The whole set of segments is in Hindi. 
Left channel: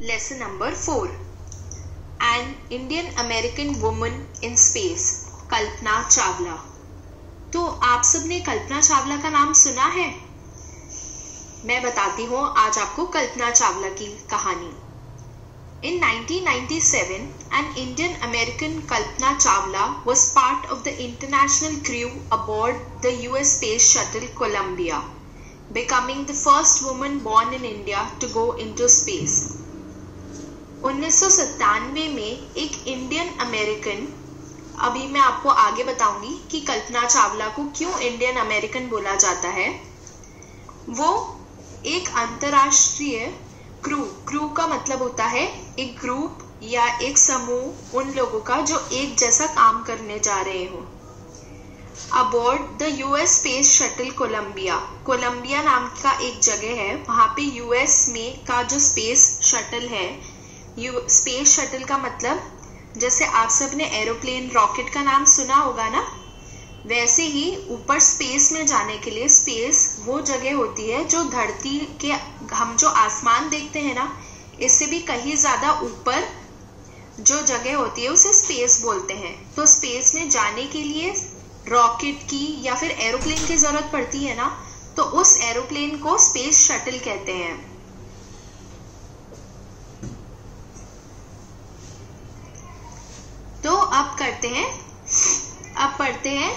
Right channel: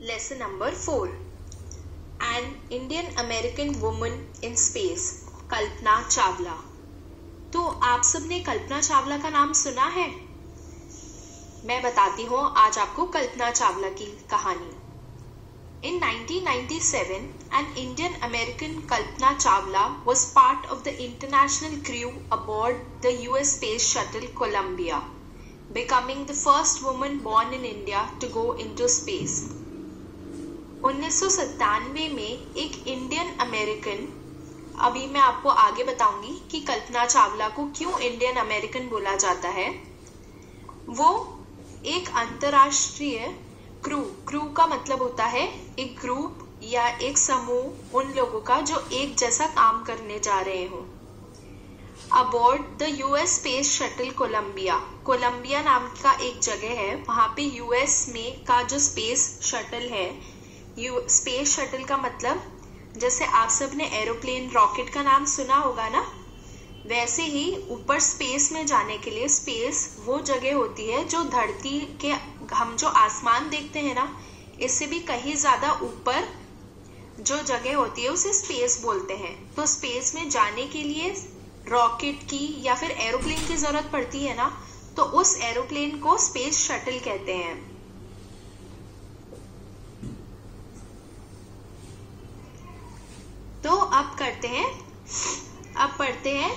Lesson number 4. An Indian American woman in space. Kalpana Chawla. तो आप सबने कल्पना चावला का नाम सुना है? मैं बताती हूँ आज आपको कल्पना चावला की कहानी. In 1997, an Indian American Kalpana Chawla was part of the international crew aboard the US Space Shuttle Columbia, becoming the first woman born in India to go into space. 1997 में एक इंडियन अमेरिकन, अभी मैं आपको आगे बताऊंगी कि कल्पना चावला को क्यों इंडियन अमेरिकन बोला जाता है. वो एक अंतरराष्ट्रीय क्रू का मतलब होता है एक ग्रुप या एक समूह उन लोगों का जो एक जैसा काम करने जा रहे हो. Aboard the US space shuttle Columbia नाम का एक जगह है. वहां पे यूएस में का जो स्पेस शटल है, स्पेस शटल का मतलब जैसे आप सब ने एरोप्लेन रॉकेट का नाम सुना होगा ना, वैसे ही ऊपर स्पेस में जाने के लिए स्पेस वो जगह होती है जो धरती के, हम जो आसमान देखते हैं ना, इससे भी कहीं ज्यादा ऊपर जो जगह होती है उसे स्पेस बोलते हैं. तो स्पेस में जाने के लिए रॉकेट की या फिर एरोप्लेन की जरूरत पड़ती है ना, तो उस एरोप्लेन को स्पेस शटल कहते हैं. तो अब पढ़ते हैं.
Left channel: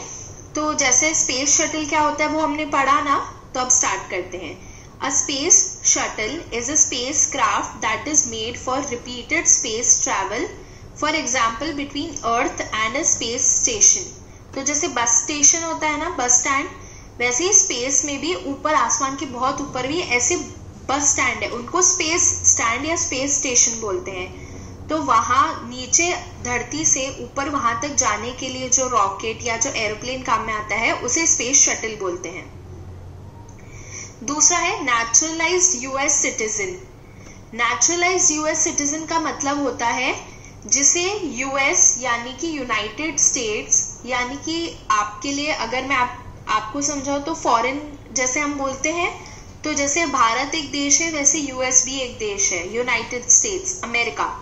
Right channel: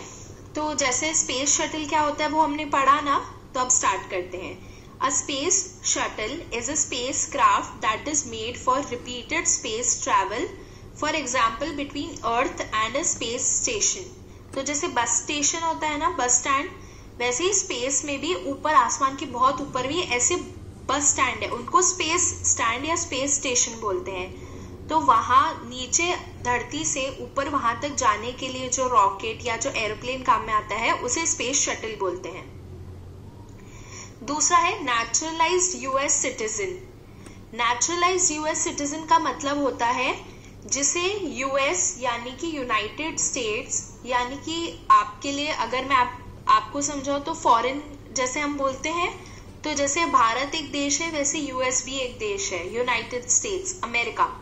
तो जैसे स्पेस शटल क्या होता है वो हमने पढ़ा ना, तो अब स्टार्ट करते हैं. A space shuttle is a spacecraft that is made for repeated space travel, for example between Earth and a space station. तो जैसे बस स्टेशन होता है ना, बस स्टैंड, वैसे ही स्पेस में भी ऊपर आसमान के बहुत ऊपर भी ऐसे बस स्टैंड है, उनको स्पेस स्टैंड या स्पेस स्टेशन बोलते हैं. तो वहां नीचे धरती से ऊपर वहां तक जाने के लिए जो रॉकेट या जो एरोप्लेन काम में आता है उसे स्पेस शटल बोलते हैं. दूसरा है naturalised US citizen. Naturalised US citizen का मतलब होता है जिसे यूएस यानी कि यूनाइटेड स्टेट्स, यानी कि आपके लिए अगर मैं आपको समझाऊं तो फॉरेन जैसे हम बोलते हैं, तो जैसे भारत एक देश है वैसे यूएस भी एक देश है, यूनाइटेड स्टेट्स अमेरिका.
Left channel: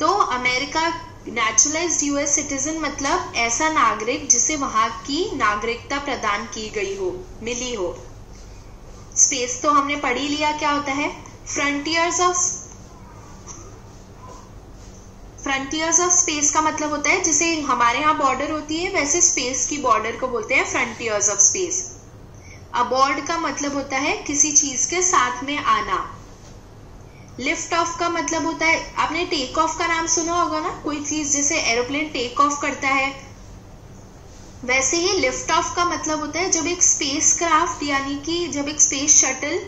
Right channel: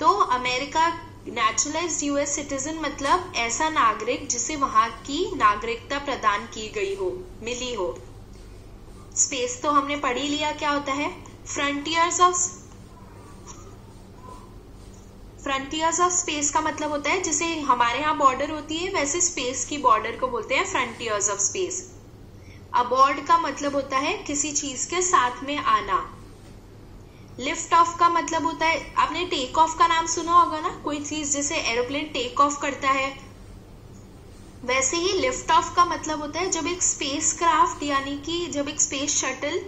तो अमेरिका नेचुरलाइज्ड यूएस सिटीजन मतलब ऐसा नागरिक जिसे वहां की नागरिकता प्रदान की गई हो, मिली हो. स्पेस तो हमने पढ़ ही लिया क्या होता है. फ्रंटियर्स ऑफ स्पेस का मतलब होता है जिसे हमारे यहाँ बॉर्डर होती है वैसे स्पेस की बॉर्डर को बोलते हैं फ्रंटियर्स ऑफ स्पेस. अबॉर्ड का मतलब होता है किसी चीज के साथ में आना. लिफ्ट ऑफ का मतलब होता है, आपने टेक ऑफ का नाम सुना होगा ना, कोई चीज जैसे एरोप्लेन टेक ऑफ करता है, वैसे ही लिफ्ट ऑफ का मतलब होता है जब एक स्पेस क्राफ्ट यानी कि जब एक स्पेस शटल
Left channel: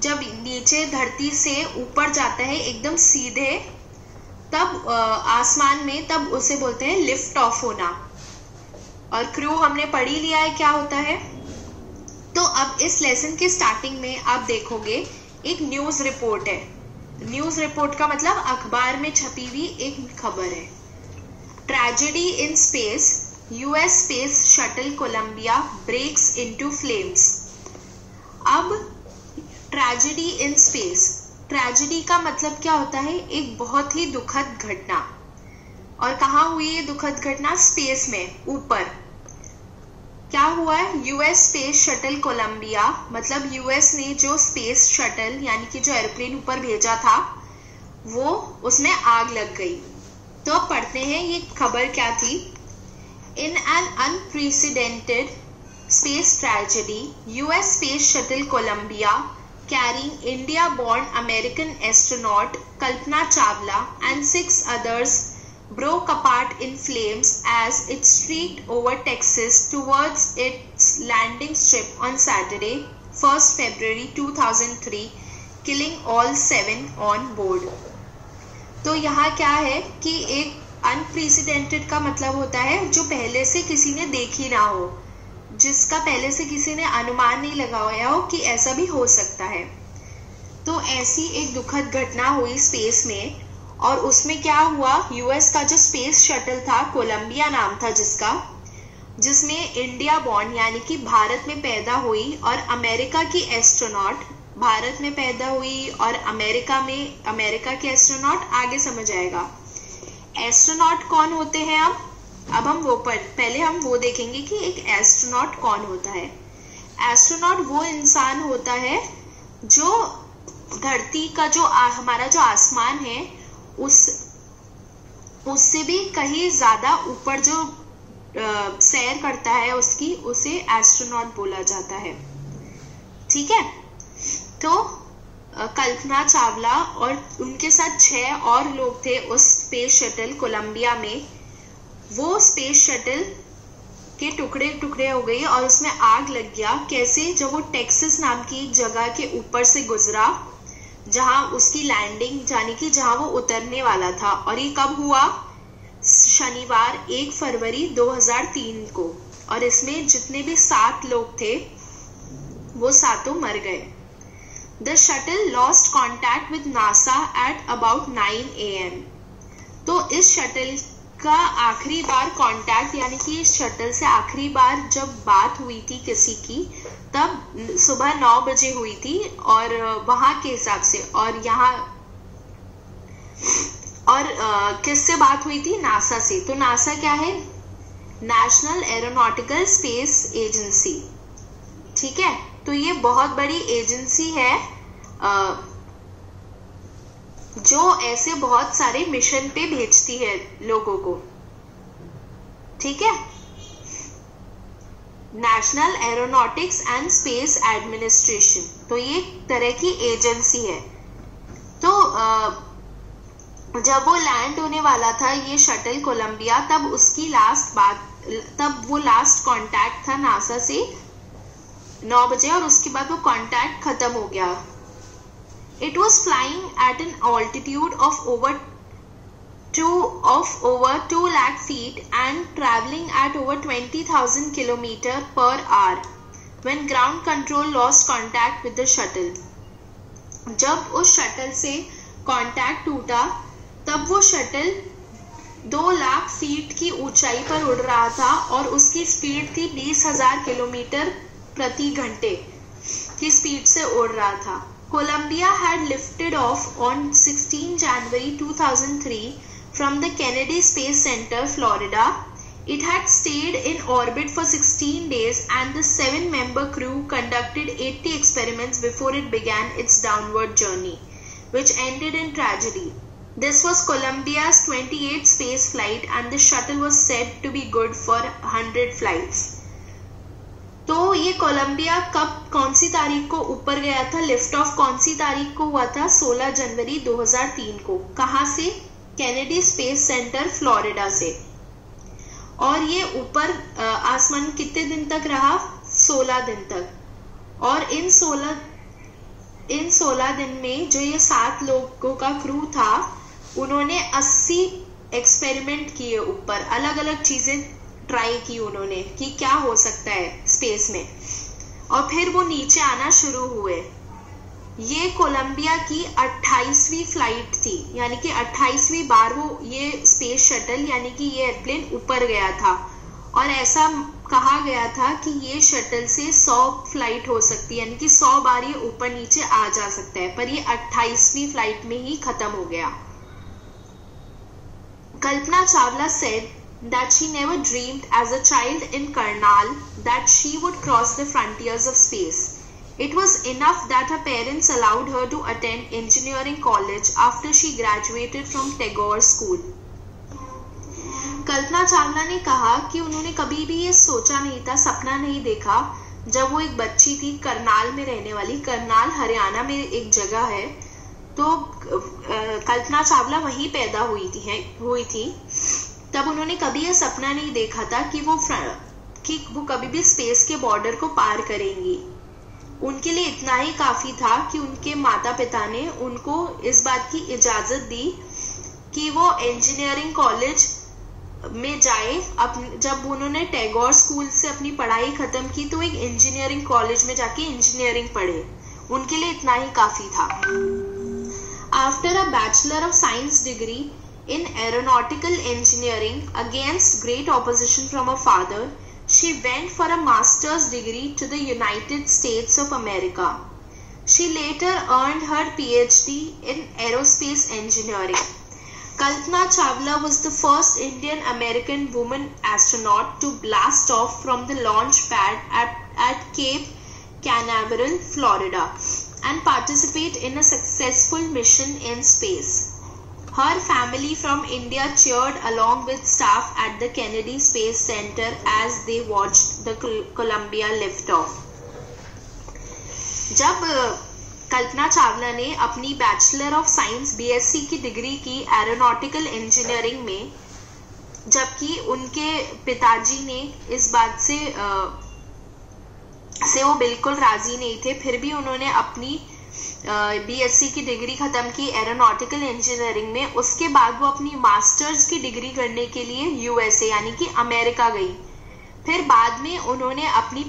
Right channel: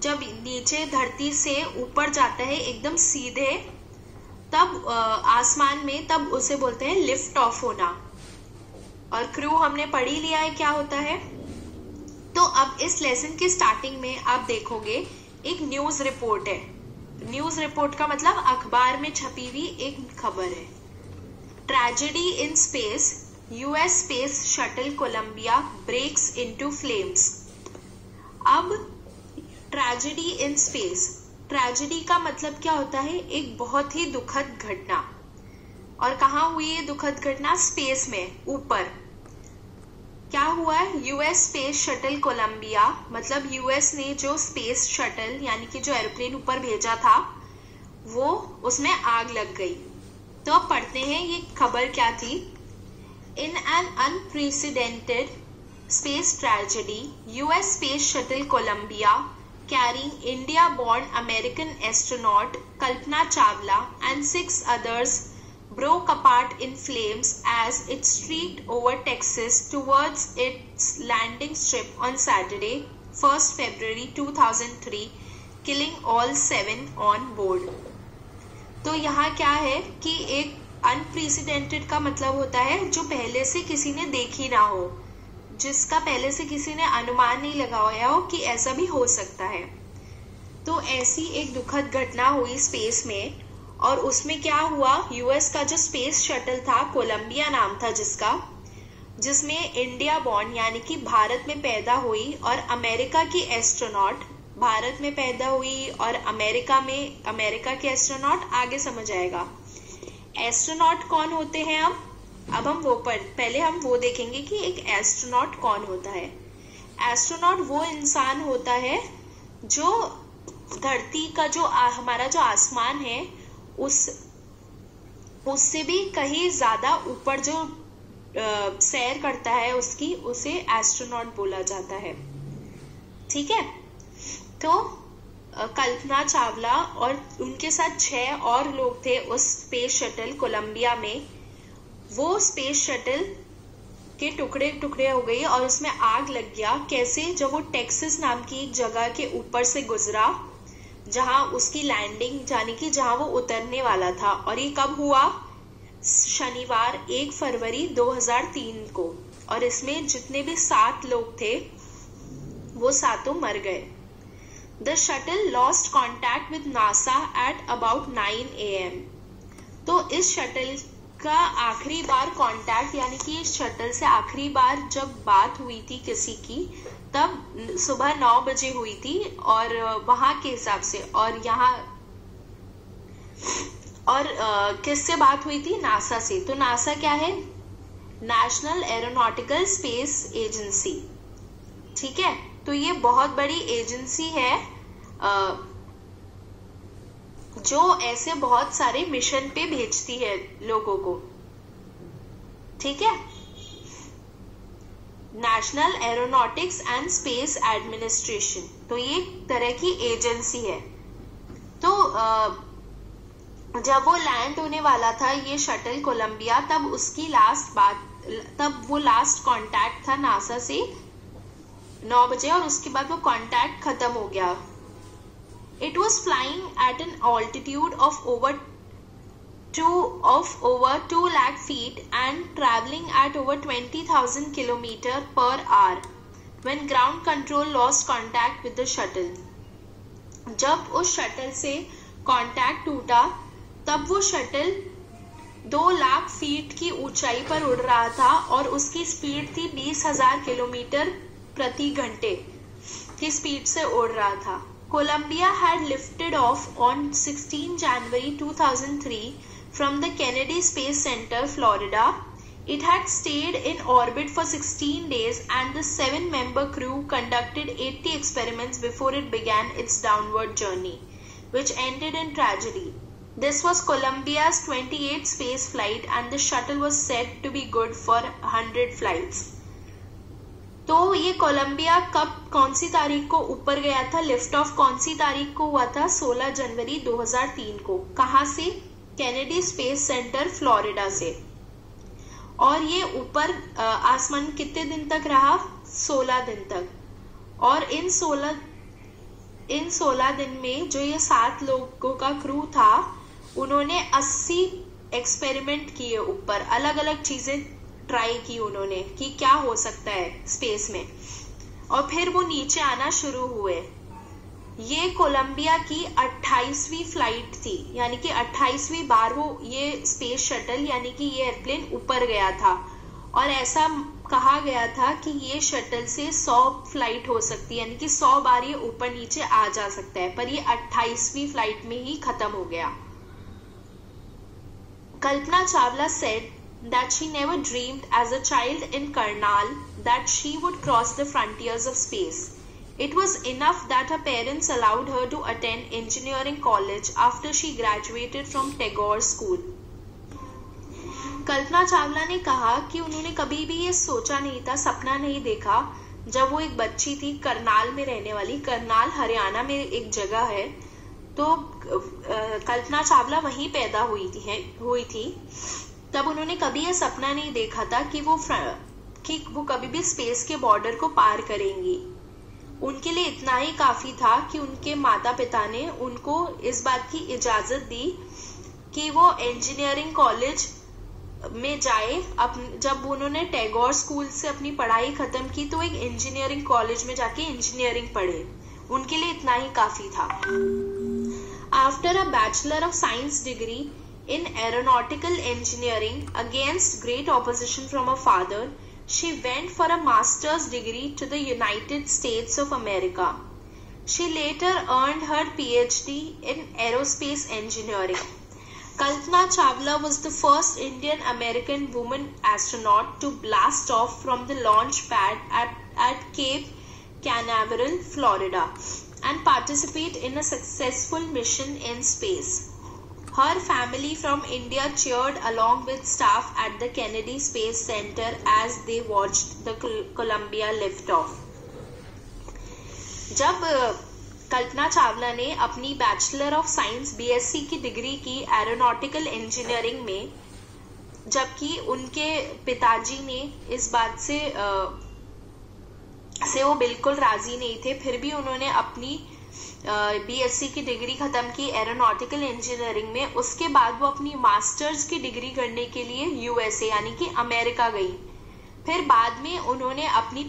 जब नीचे धरती से ऊपर जाता है एकदम सीधे, तब आसमान में, तब उसे बोलते हैं लिफ्ट ऑफ होना. और क्रू हमने पढ़ ही लिया है क्या होता है. तो अब इस लेसन के स्टार्टिंग में आप देखोगे एक न्यूज रिपोर्ट है. न्यूज रिपोर्ट का मतलब अखबार में छपी हुई एक खबर है. Tragedy in space, US space shuttle Columbia breaks into flames. अब ट्रेजेडी इन स्पेस, ट्रेजेडी का मतलब क्या होता है, एक बहुत ही दुखद घटना. और कहाँ हुई है दुखद घटना? स्पेस में, ऊपर. क्या हुआ है? यूएस स्पेस शटल कोलंबिया मतलब यूएस ने जो स्पेस शटल यानी कि जो एरोप्लेन ऊपर भेजा था वो, उसमें आग लग गई. तो अब पढ़ते हैं ये खबर क्या थी. In an unprecedented space tragedy, US space shuttle Columbia carrying India-born American astronaut Kalpana Chawla and 6 others broke apart in flames as it streaked over Texas towards its landing strip on Saturday, 1st February 2003, killing all 7 on board. तो यहाँ क्या है कि एक अनप्रेसिडेंटेड का मतलब होता है जो पहले से किसी ने देखी ना हो, जिसका पहले से किसी ने अनुमान नहीं लगाया हो कि ऐसा भी हो सकता है. तो ऐसी एक दुखद घटना हुई स्पेस में, और उसमें क्या हुआ, यूएस का जो स्पेस शटल था, कोलंबिया नाम था जिसका, जिसमें इंडिया बॉर्न यानी कि भारत में पैदा हुई और अमेरिका की एस्ट्रोनॉट भारत में पैदा हुई और अमेरिका के एस्ट्रोनॉट आगे समझ आएगा। एस्ट्रोनॉट कौन होते हैं? अब हम पहले हम वो देखेंगे कि एक एस्ट्रोनॉट कौन होता है। एस्ट्रोनॉट वो इंसान होता है जो धरती का जो हमारा जो आसमान है उससे भी कहीं ज्यादा ऊपर जो सैर करता है उसे एस्ट्रोनॉट बोला जाता है। ठीक है, तो कल्पना चावला और उनके साथ 6 और लोग थे उस स्पेस शटल कोलंबिया में। वो स्पेस शटल के टुकड़े टुकड़े हो गई और उसमें आग लग गया। कैसे? जब वो टेक्सास नाम की एक जगह के ऊपर से गुजरा जहां उसकी लैंडिंग यानी कि जहां वो उतरने वाला था। और ये कब हुआ? शनिवार 1 फरवरी 2003 को। और इसमें जितने भी 7 लोग थे वो सातों मर गए। The shuttle lost contact with NASA at about 9 AM. तो इस शटल का आखिरी बार कांटेक्ट यानी कि इस शटल से आखिरी बार जब बात हुई थी किसी की तब सुबह 9 बजे हुई थी और वहां के हिसाब से। और यहाँ किससे बात हुई थी? नासा से। तो नासा क्या है? National aeronautical space agency. ठीक है, तो ये बहुत बड़ी एजेंसी है जो ऐसे बहुत सारे मिशन पे भेजती है लोगों को। ठीक है, national aeronautics and space administration. तो ये एक तरह की एजेंसी है। तो जब वो लैंड होने वाला था ये शटल कोलंबिया, तब वो लास्ट कांटेक्ट था नासा से 9 बजे और उसके बाद वो कांटेक्ट खत्म हो गया। It was flying at an altitude of over 2 lakh feet and traveling at over 20,000 km per hour when ground control lost contact with the shuttle. जब उस शटल से कांटेक्ट टूटा तब वो शटल 2 लाख फीट की ऊंचाई पर उड़ रहा था और उसकी स्पीड थी 20,000 किलोमीटर प्रति घंटे की स्पीड से उड़ रहा था। Columbia had lifted off on 16 January 2003 from the Kennedy Space Center, Florida. It had stayed in orbit for 16 days and the 7-member crew conducted 80 experiments before it began its downward journey, which ended in tragedy. This was Columbia's 28th space flight and the shuttle was said to be good for 100 flights. तो ये कोलंबिया कौन सी तारीख को ऊपर गया था? लिफ्ट ऑफ कौन सी तारीख को हुआ था? 16 जनवरी 2003 को। कहां से? कैनेडी स्पेस सेंटर, फ्लोरिडा से। और ये ऊपर आसमान कितने दिन तक रहा? 16 दिन तक। और इन 16 दिन में जो ये 7 लोगों का क्रू था उन्होंने 80 एक्सपेरिमेंट किए ऊपर, अलग अलग चीजें ट्राई की उन्होंने कि क्या हो सकता है स्पेस में। और फिर वो नीचे आना शुरू हुए। ये कोलंबिया की 28वीं फ्लाइट थी, यानी कि 28वीं बार वो ये स्पेस शटल यानी कि ये एयरप्लेन ऊपर गया था। और ऐसा कहा गया था कि ये शटल से 100 फ्लाइट हो सकती है, यानी कि 100 बार ये ऊपर नीचे आ जा सकता है, पर ये 28वीं फ्लाइट में ही खत्म हो गया। Kalpana Chawla said that she never dreamed as a child in Karnal that she would cross the frontiers of space. It was enough that her parents allowed her to attend engineering college after she graduated from Tagore School. Kalpana Chawla ने कहा कि उन्होंने कभी भी ये सोचा नहीं था, सपना नहीं देखा जब वो एक बच्ची थी करनाल में रहने वाली। करनाल हरियाणा में एक जगह है, तो कल्पना चावला वहीं पैदा हुई थी। तब उन्होंने कभी यह सपना नहीं देखा था कि वो कभी भी स्पेस के बॉर्डर को पार करेंगी। उनके लिए इतना ही काफी था कि उनके माता पिता ने उनको इस बात की इजाजत दी कि वो इंजीनियरिंग कॉलेज में जाए। जब उन्होंने टैगोर स्कूल से अपनी पढ़ाई खत्म की तो एक इंजीनियरिंग कॉलेज में जाके इंजीनियरिंग पढ़े। उनके लिए इतना ही काफी था। After a bachelor of science degree in aeronautical engineering against great opposition from her father, she went for a master's degree to the United States of America. She later earned her PhD in aerospace engineering. Kalpana Chawla was the first Indian American woman astronaut to blast off from the launch pad at Cape Canaveral, Florida, and participate in a successful mission in space. Her family from India cheered along with staff at the Kennedy Space Center as they watched the Columbia liftoff. जब कल्पना चावला ने अपनी बैचलर ऑफ साइंस BSc की डिग्री की एरोनॉटिकल इंजीनियरिंग में, जबकि उनके पिताजी ने इस बात से वो बिल्कुल राजी नहीं थे, फिर भी उन्होंने अपनी BSc की डिग्री खत्म की एरोनॉटिकल इंजीनियरिंग में। उसके बाद वो अपनी मास्टर्स की डिग्री करने के लिए USA यानी कि अमेरिका गई। फिर बाद में उन्होंने अपनी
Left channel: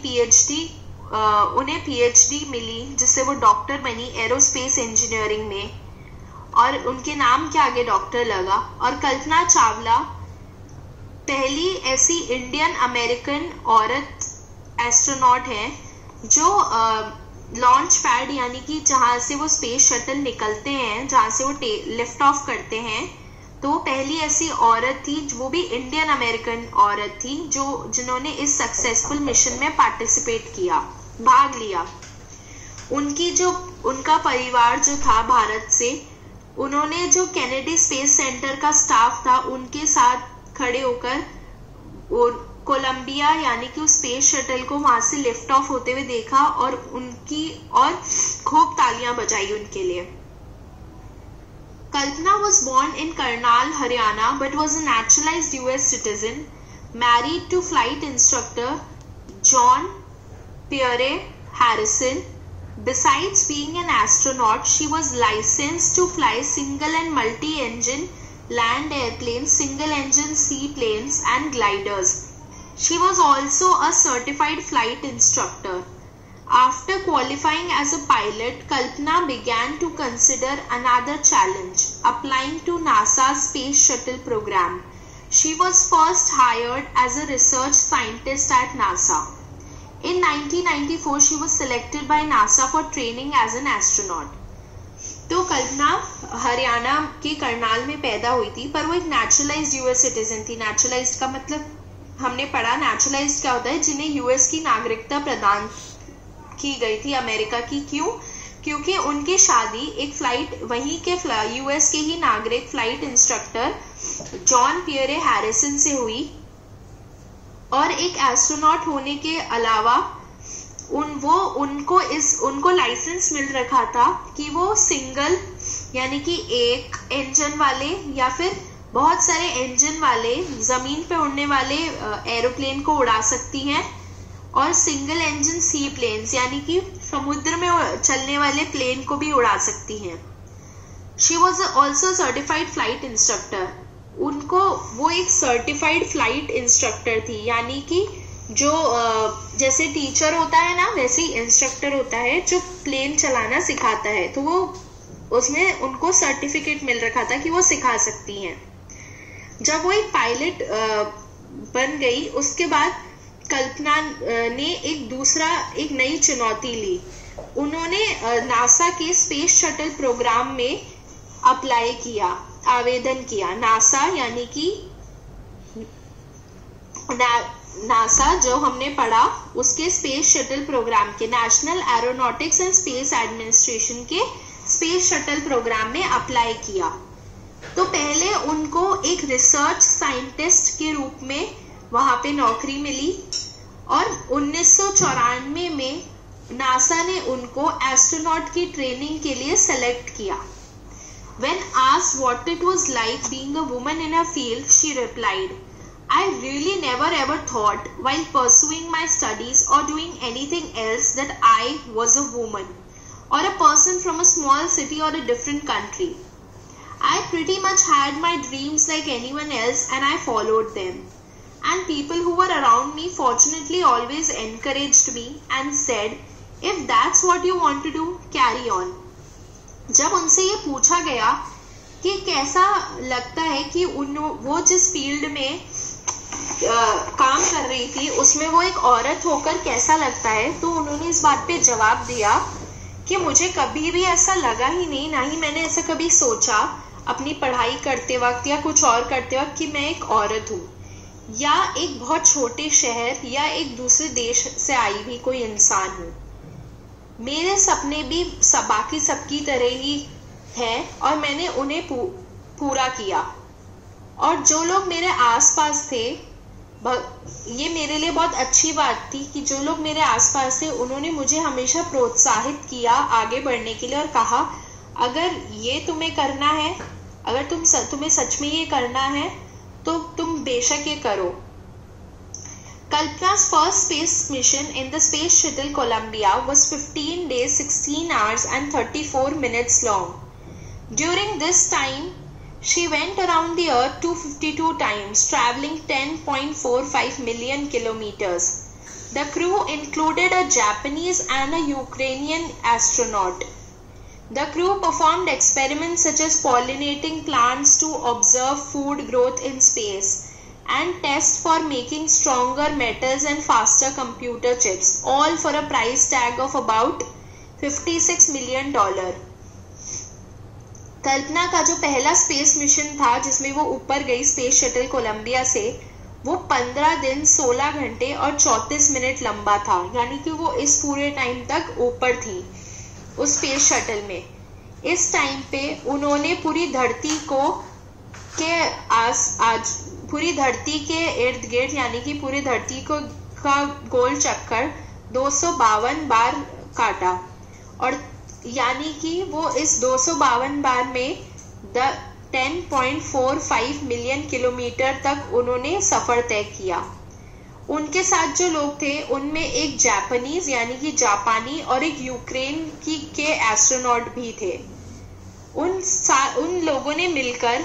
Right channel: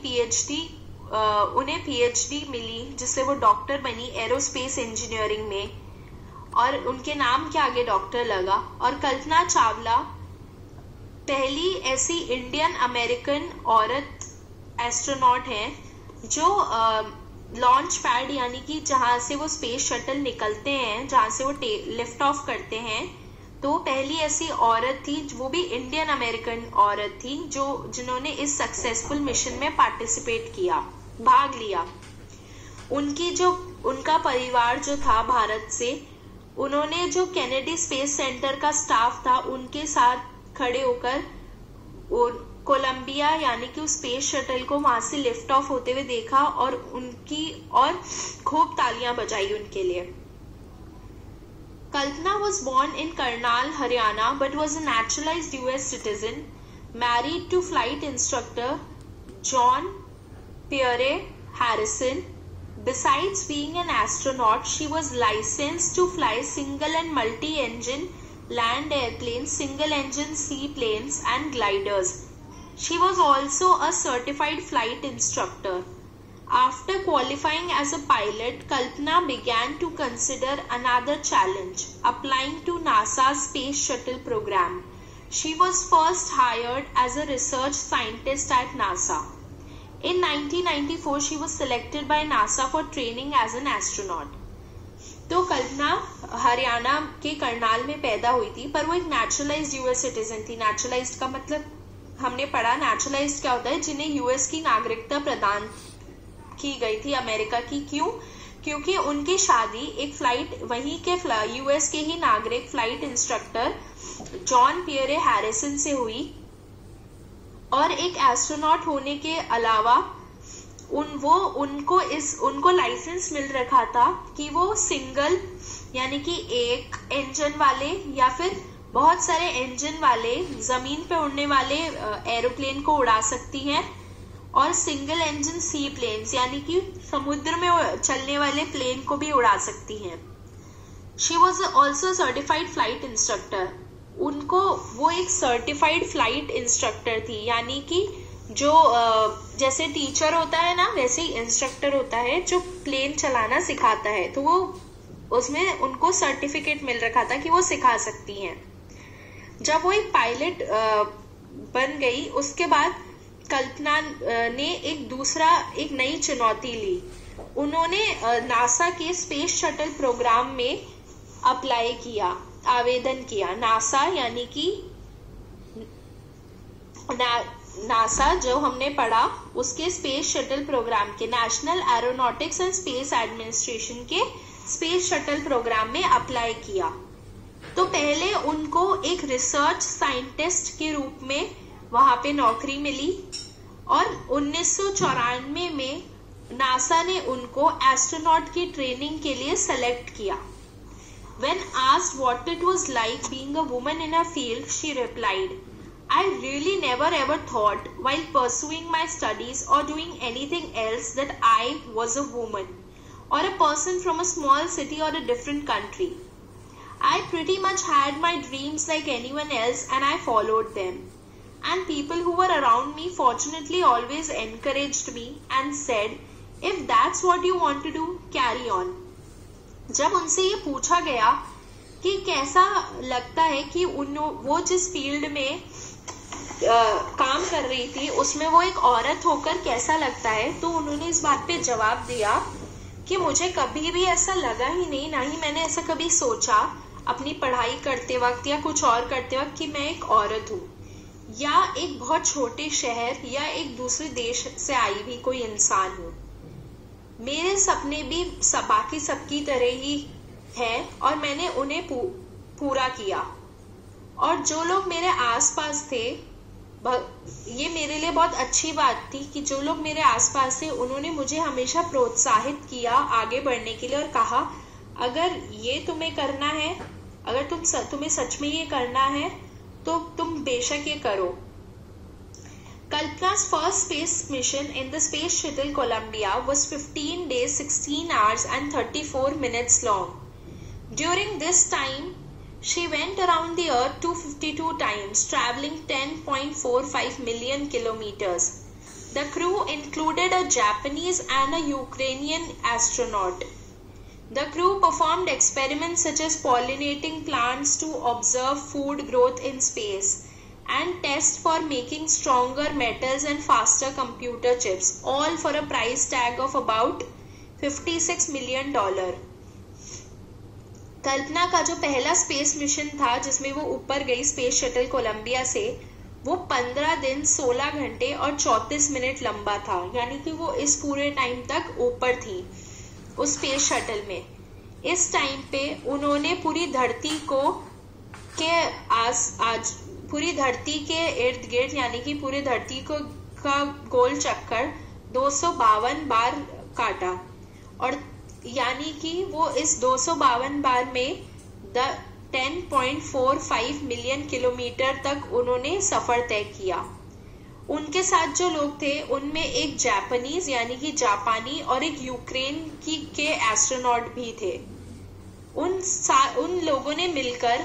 उन्हें PhD मिली, जिससे वो डॉक्टर बनी एरोस्पेस इंजीनियरिंग में, और उनके नाम के आगे डॉक्टर लगा। और कल्पना चावला पहली ऐसी इंडियन अमेरिकन औरत एस्ट्रोनॉट है जो लॉन्च पैड यानी कि जहां से वो स्पेस शटल निकलते हैं, जहां से वो लिफ्ट ऑफ करते हैं, तो पहली ऐसी औरत थी, वो भी इंडियन अमेरिकन औरत थी, जिन्होंने इस सक्सेसफुल मिशन में पार्टिसिपेट किया, भाग लिया। उनका परिवार जो था भारत से, उन्होंने जो केनेडी स्पेस सेंटर का स्टाफ था उनके साथ खड़े होकर कोलंबिया यानी कि उस स्पेस शटल को वहां से लिफ्ट ऑफ होते हुए देखा और खूब तालियां बजाई उनके लिए। Kalpana was born in Karnal, Haryana, but was a naturalized US citizen, married to flight instructor John Pierre Harrison. Besides being an astronaut, she was licensed to fly single and multi-engine land airplanes, single-engine seaplanes, and gliders. She was also a certified flight instructor. After qualifying as a pilot, Kalpana began to consider another challenge, applying to NASA's Space Shuttle program. She was first hired as a research scientist at NASA. In 1994, she was selected by NASA for training as an astronaut. तो कल्पना हरियाणा के करनाल में पैदा हुई थी, पर वो एक नेचुरलाइज्ड यूएस सिटीजन थी। नेचुरलाइज्ड का मतलब हमने पढ़ा, नेचुरलाइज्ड क्या होता है, जिन्हें यूएस की नागरिकता प्रदान की गई थी अमेरिका की। क्यों? क्योंकि उनकी शादी एक वहीं के यूएस के ही नागरिक flight instructor John Pierre Harrison से हुई, और एक एस्ट्रोनॉट होने के अलावा उनको लाइसेंस मिल रखा था कि वो सिंगल यानी कि एक इंजन वाले या फिर बहुत सारे इंजन वाले जमीन पे उड़ने वाले एरोप्लेन को उड़ा सकती हैं, और सिंगल इंजन सी प्लेन्स यानी कि समुद्र में चलने वाले प्लेन को भी उड़ा सकती हैं। She was also certified flight instructor. वो एक सर्टिफाइड फ्लाइट इंस्ट्रक्टर थी, यानी कि जो जैसे टीचर होता है ना, वैसे ही इंस्ट्रक्टर होता है जो प्लेन चलाना सिखाता है। तो वो उसमें उनको सर्टिफिकेट मिल रखा था कि वो सिखा सकती हैं। जब वो एक पायलट बन गई, उसके बाद कल्पना ने एक नई चुनौती ली। उन्होंने नासा के स्पेस शटल प्रोग्राम में अप्लाई किया, आवेदन किया। नासा यानी कि नासा जो हमने पढ़ा, उसके स्पेस शटल प्रोग्राम के, national aeronautics and space administration के स्पेस शटल प्रोग्राम में अप्लाई किया। तो पहले उनको एक रिसर्च साइंटिस्ट के रूप में वहां पे नौकरी मिली, और 1994 में नासा ने उनको एस्ट्रोनॉट की ट्रेनिंग के लिए सेलेक्ट किया। When asked what it was like being a woman in a field, she replied, I really never ever thought while pursuing my studies or doing anything else that I was a woman or a person from a small city or a different country. I pretty much had my dreams like anyone else and I followed them. And people who were around me fortunately always encouraged me and said, if that's what you want to do, carry on. जब उनसे ये पूछा गया कि कैसा लगता है कि वो जिस फील्ड में काम कर रही थी उसमें वो एक औरत होकर कैसा लगता है, तो उन्होंने इस बात पे जवाब दिया कि मुझे कभी भी ऐसा लगा ही नहीं, ना ही मैंने ऐसा कभी सोचा अपनी पढ़ाई करते वक्त या कुछ और करते वक्त कि मैं एक औरत हूँ या एक बहुत छोटे शहर या एक दूसरे देश से आई भी कोई इंसान हूँ। मेरे सपने भी बाकी सबकी तरह ही है और मैंने उन्हें पूरा किया। और जो लोग मेरे आसपास थे, ये मेरे लिए बहुत अच्छी बात थी कि जो लोग मेरे आसपास थे उन्होंने मुझे हमेशा प्रोत्साहित किया आगे बढ़ने के लिए और कहा अगर ये तुम्हें करना है, अगर तुम्हें सच में ये करना है तो तुम बेशक ये करो। Kalpana's first space mission in the Space Shuttle Columbia was 15 days, 16 hours and 34 minutes long. During this time, she went around the Earth 252 times, traveling 10.45 million kilometers. The crew included a Japanese and a Ukrainian astronaut. The crew performed experiments such as pollinating plants to observe food growth in space and test for making stronger metals and faster computer chips, all for a price tag of about $56 million. कल्पना का जो पहला स्पेस मिशन था जिसमें वो ऊपर गई स्पेस शटल कोलंबिया से, वो 15 दिन 16 घंटे और 34 मिनट लंबा था। यानी कि वो इस पूरे टाइम तक ऊपर थी उस स्पेस शटल में। इस टाइम पे उन्होंने पूरी धरती के इर्द गिर्द यानी कि पूरी धरती का गोल चक्कर 252 बार काटा और यानी कि वो इस 252 बार में 10.45 मिलियन किलोमीटर तक उन्होंने सफर तय किया। उनके साथ जो लोग थे उनमें एक जापानीज यानी कि जापानी और एक यूक्रेन के एस्ट्रोनॉट भी थे। उन लोगों ने मिलकर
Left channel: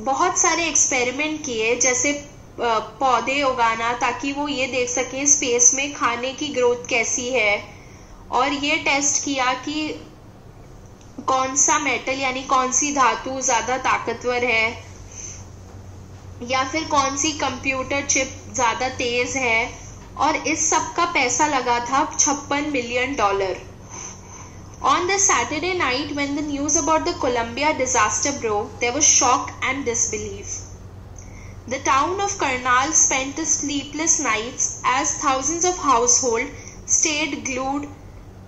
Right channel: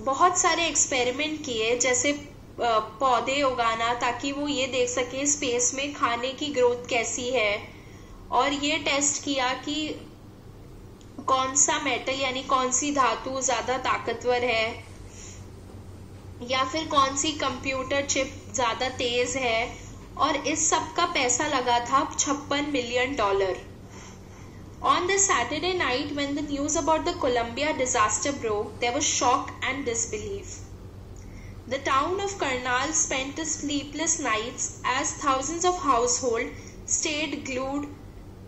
बहुत सारे एक्सपेरिमेंट किए, जैसे पौधे उगाना ताकि वो ये देख सके स्पेस में खाने की ग्रोथ कैसी है, और ये टेस्ट किया कि कौन सा मेटल यानी कौन सी धातु ज्यादा ताकतवर है या फिर कौन सी कंप्यूटर चिप ज्यादा तेज है, और इस सब का पैसा लगा था $56 million. On the Saturday night when the news about the Columbia disaster broke, there was shock and disbelief. The town of Karnal spent the sleepless nights as thousands of households stayed glued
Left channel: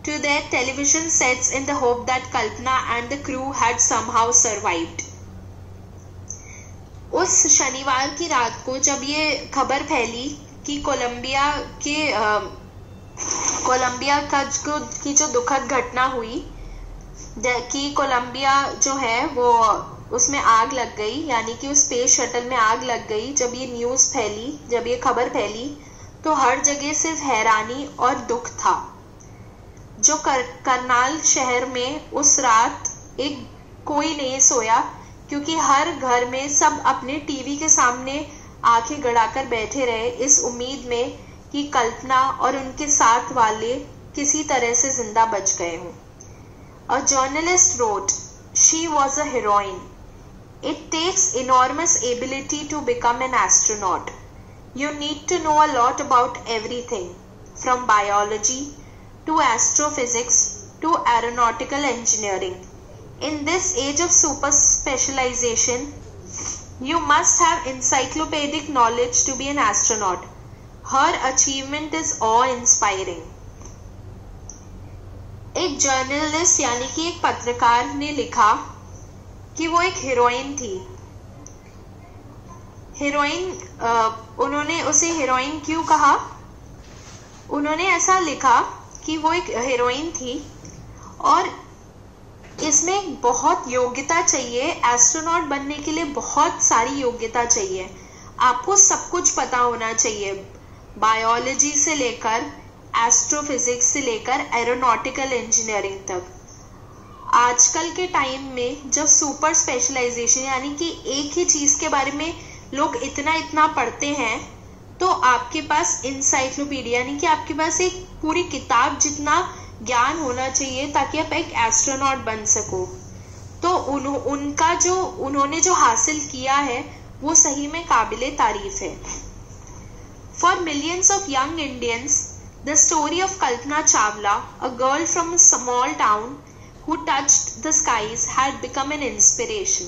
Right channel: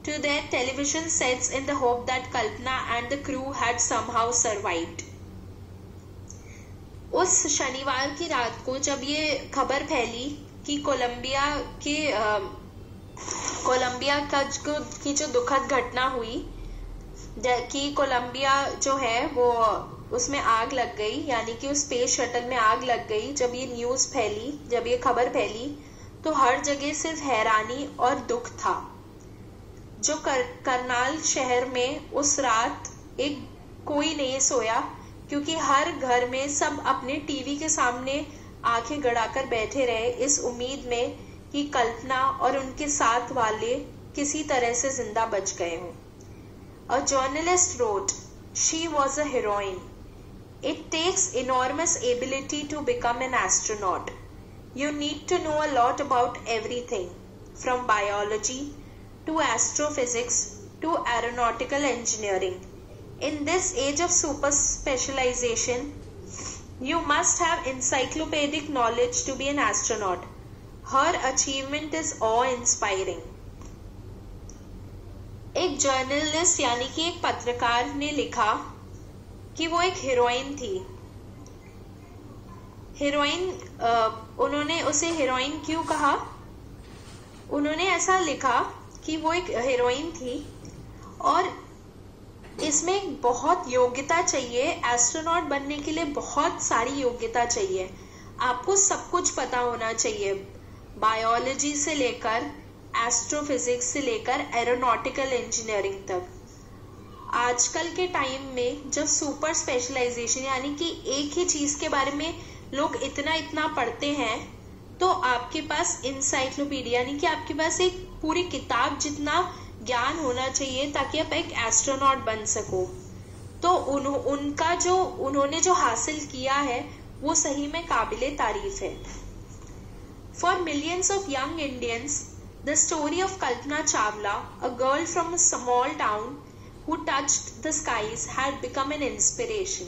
to their television sets in the hope that Kalpana and the crew had somehow survived. उस शनिवार की रात को जब ये खबर फैली कि कोलंबिया की जो दुखद घटना हुई कि कोलंबिया जो है वो उसमें आग लग गई, यानी कि उस स्पेस शटल में आग लग गई, जब ये न्यूज फैली, जब ये खबर फैली तो हर जगह सिर्फ हैरानी और दुख था। जो करनाल शहर में उस रात कोई नहीं सोया, क्योंकि हर घर में सब अपने टीवी के सामने आंखें गड़ाकर बैठे रहे इस उम्मीद में कि कल्पना और उनके साथ वाले किसी तरह से जिंदा बच गए हों। A journalist wrote, "She was a heroine. It takes enormous ability to become an astronaut. You need to know a lot about everything, from biology to astrophysics to aeronautical engineering. In this age of super specialization, you must have encyclopedic knowledge to be an astronaut. Her achievement is awe-inspiring." एक जर्नलिस्ट यानी कि एक पत्रकार ने लिखा कि वो एक हीरोइन थी। उन्होंने उसे हीरोइन क्यों कहा? उन्होंने ऐसा लिखा कि वो एक हीरोइन थी और इसमें बहुत योग्यता चाहिए। एस्ट्रोनॉट बनने के लिए बहुत सारी योग्यता चाहिए। आपको सब कुछ पता होना चाहिए, बायोलॉजी से लेकर एस्ट्रोफिजिक्स से लेकर एरोनॉटिकल इंजीनियरिंग तक। आजकल के टाइम में जब सुपर स्पेशलाइजेशन यानी कि एक ही चीज के बारे में लोग इतना पढ़ते हैं, तो आपके पास इंसाइक्लोपीडिया यानी कि आपके पास एक पूरी किताब जितना ज्ञान होना चाहिए ताकि आप एक एस्ट्रोनॉट बन सको। तो उन्होंने जो हासिल किया है वो सही में काबिले तारीफ है। For millions of young Indians, The story of Kalpana Chawla, a girl from a small town who touched the skies, had become an inspiration.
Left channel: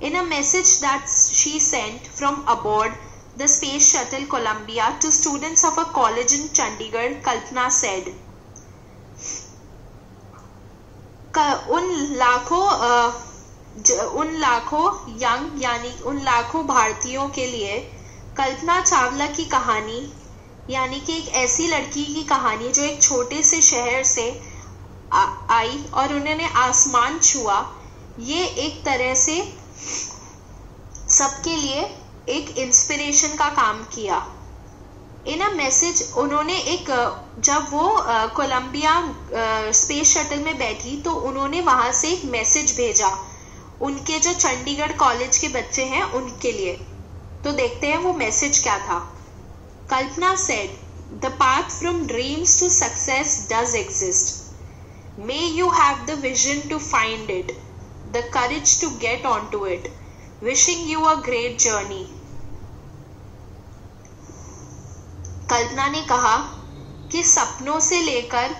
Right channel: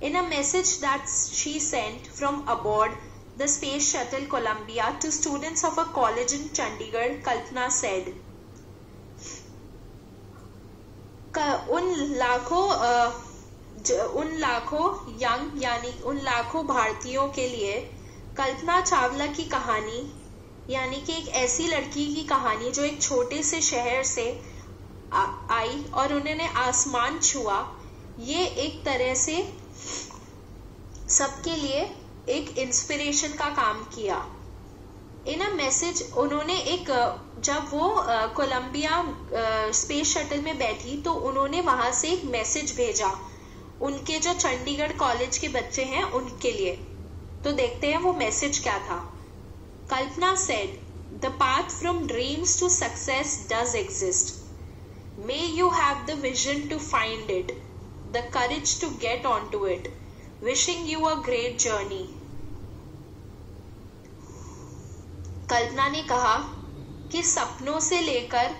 In a message that she sent from aboard the space shuttle Columbia to students of a college in Chandigarh, Kalpana said, उन लाखों भारतीयों के लिए कल्पना चावला की कहानी, यानी कि एक ऐसी लड़की की कहानी जो एक छोटे से शहर से आई और उन्होंने आसमान छुआ, ये एक तरह से सबके लिए एक इंस्पिरेशन का काम किया। इन अ मैसेज उन्होंने जब वो कोलंबिया स्पेस शटल में बैठी तो उन्होंने वहां से एक मैसेज भेजा उनके जो चंडीगढ़ कॉलेज के बच्चे हैं उनके लिए। तो देखते हैं वो मैसेज क्या था। Kalpana said, the path from dreams to success does exist. May you have the vision to find it, the courage to get on to it, wishing you a great journey. Kalpana ने कहा कि सपनों से लेकर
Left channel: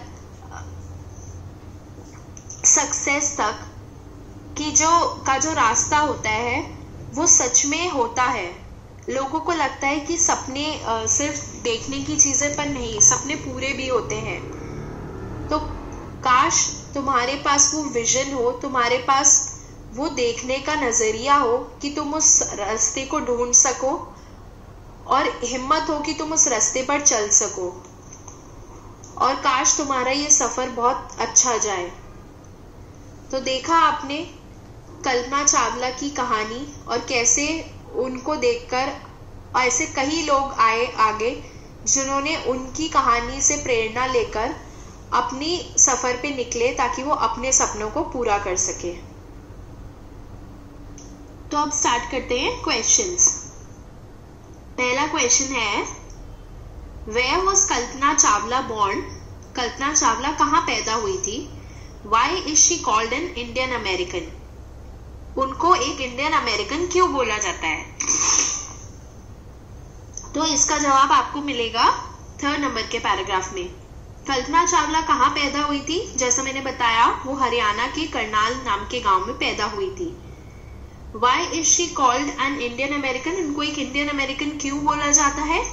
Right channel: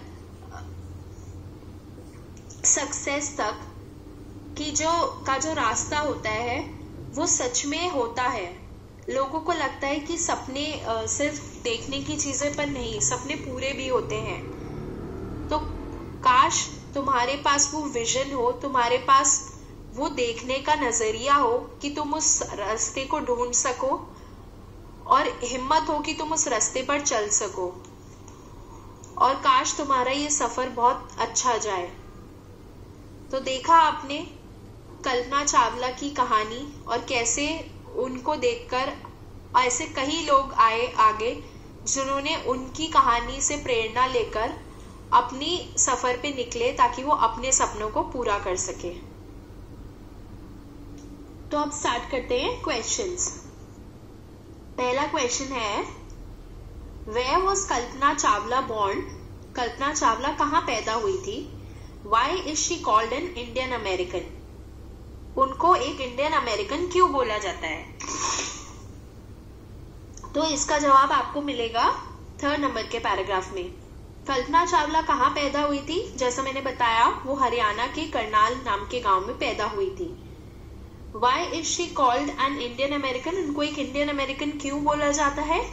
सक्सेस तक की जो रास्ता होता है वो सच में होता है। लोगों को लगता है कि सपने सिर्फ देखने की चीजें, पर नहीं, सपने पूरे भी होते हैं। तो काश तुम्हारे पास वो विजन हो, तुम्हारे पास वो देखने का नजरिया हो कि तुम उस रास्ते को ढूंढ सको और हिम्मत हो कि तुम उस रास्ते पर चल सको, और काश तुम्हारा ये सफर बहुत अच्छा जाए। तो देखा आपने कल्पना चावला की कहानी और कैसे उनको देखकर ऐसे कई लोग आए आगे जिन्होंने उनकी कहानी से प्रेरणा लेकर अपनी सफर पे निकले ताकि वो अपने सपनों को पूरा कर सके। तो अब स्टार्ट करते हैं क्वेश्चंस। पहला क्वेश्चन है, where was Kalpana Chawla born? Kalpana Chawla कहाँ पैदा हुई थी? Why is she called an Indian American? उनको एक इंडियन अमेरिकन क्यों बोला जाता है? तो इसका जवाब आपको मिलेगा 3rd नंबर के पैराग्राफ में। कल्पना चावला कहाँ पैदा हुई थी? जैसा मैंने बताया, वो हरियाणा के करनाल नाम के गांव में पैदा हुई थी। Why is she called an Indian American? उनको एक इंडियन अमेरिकन क्यों बोला जाता है?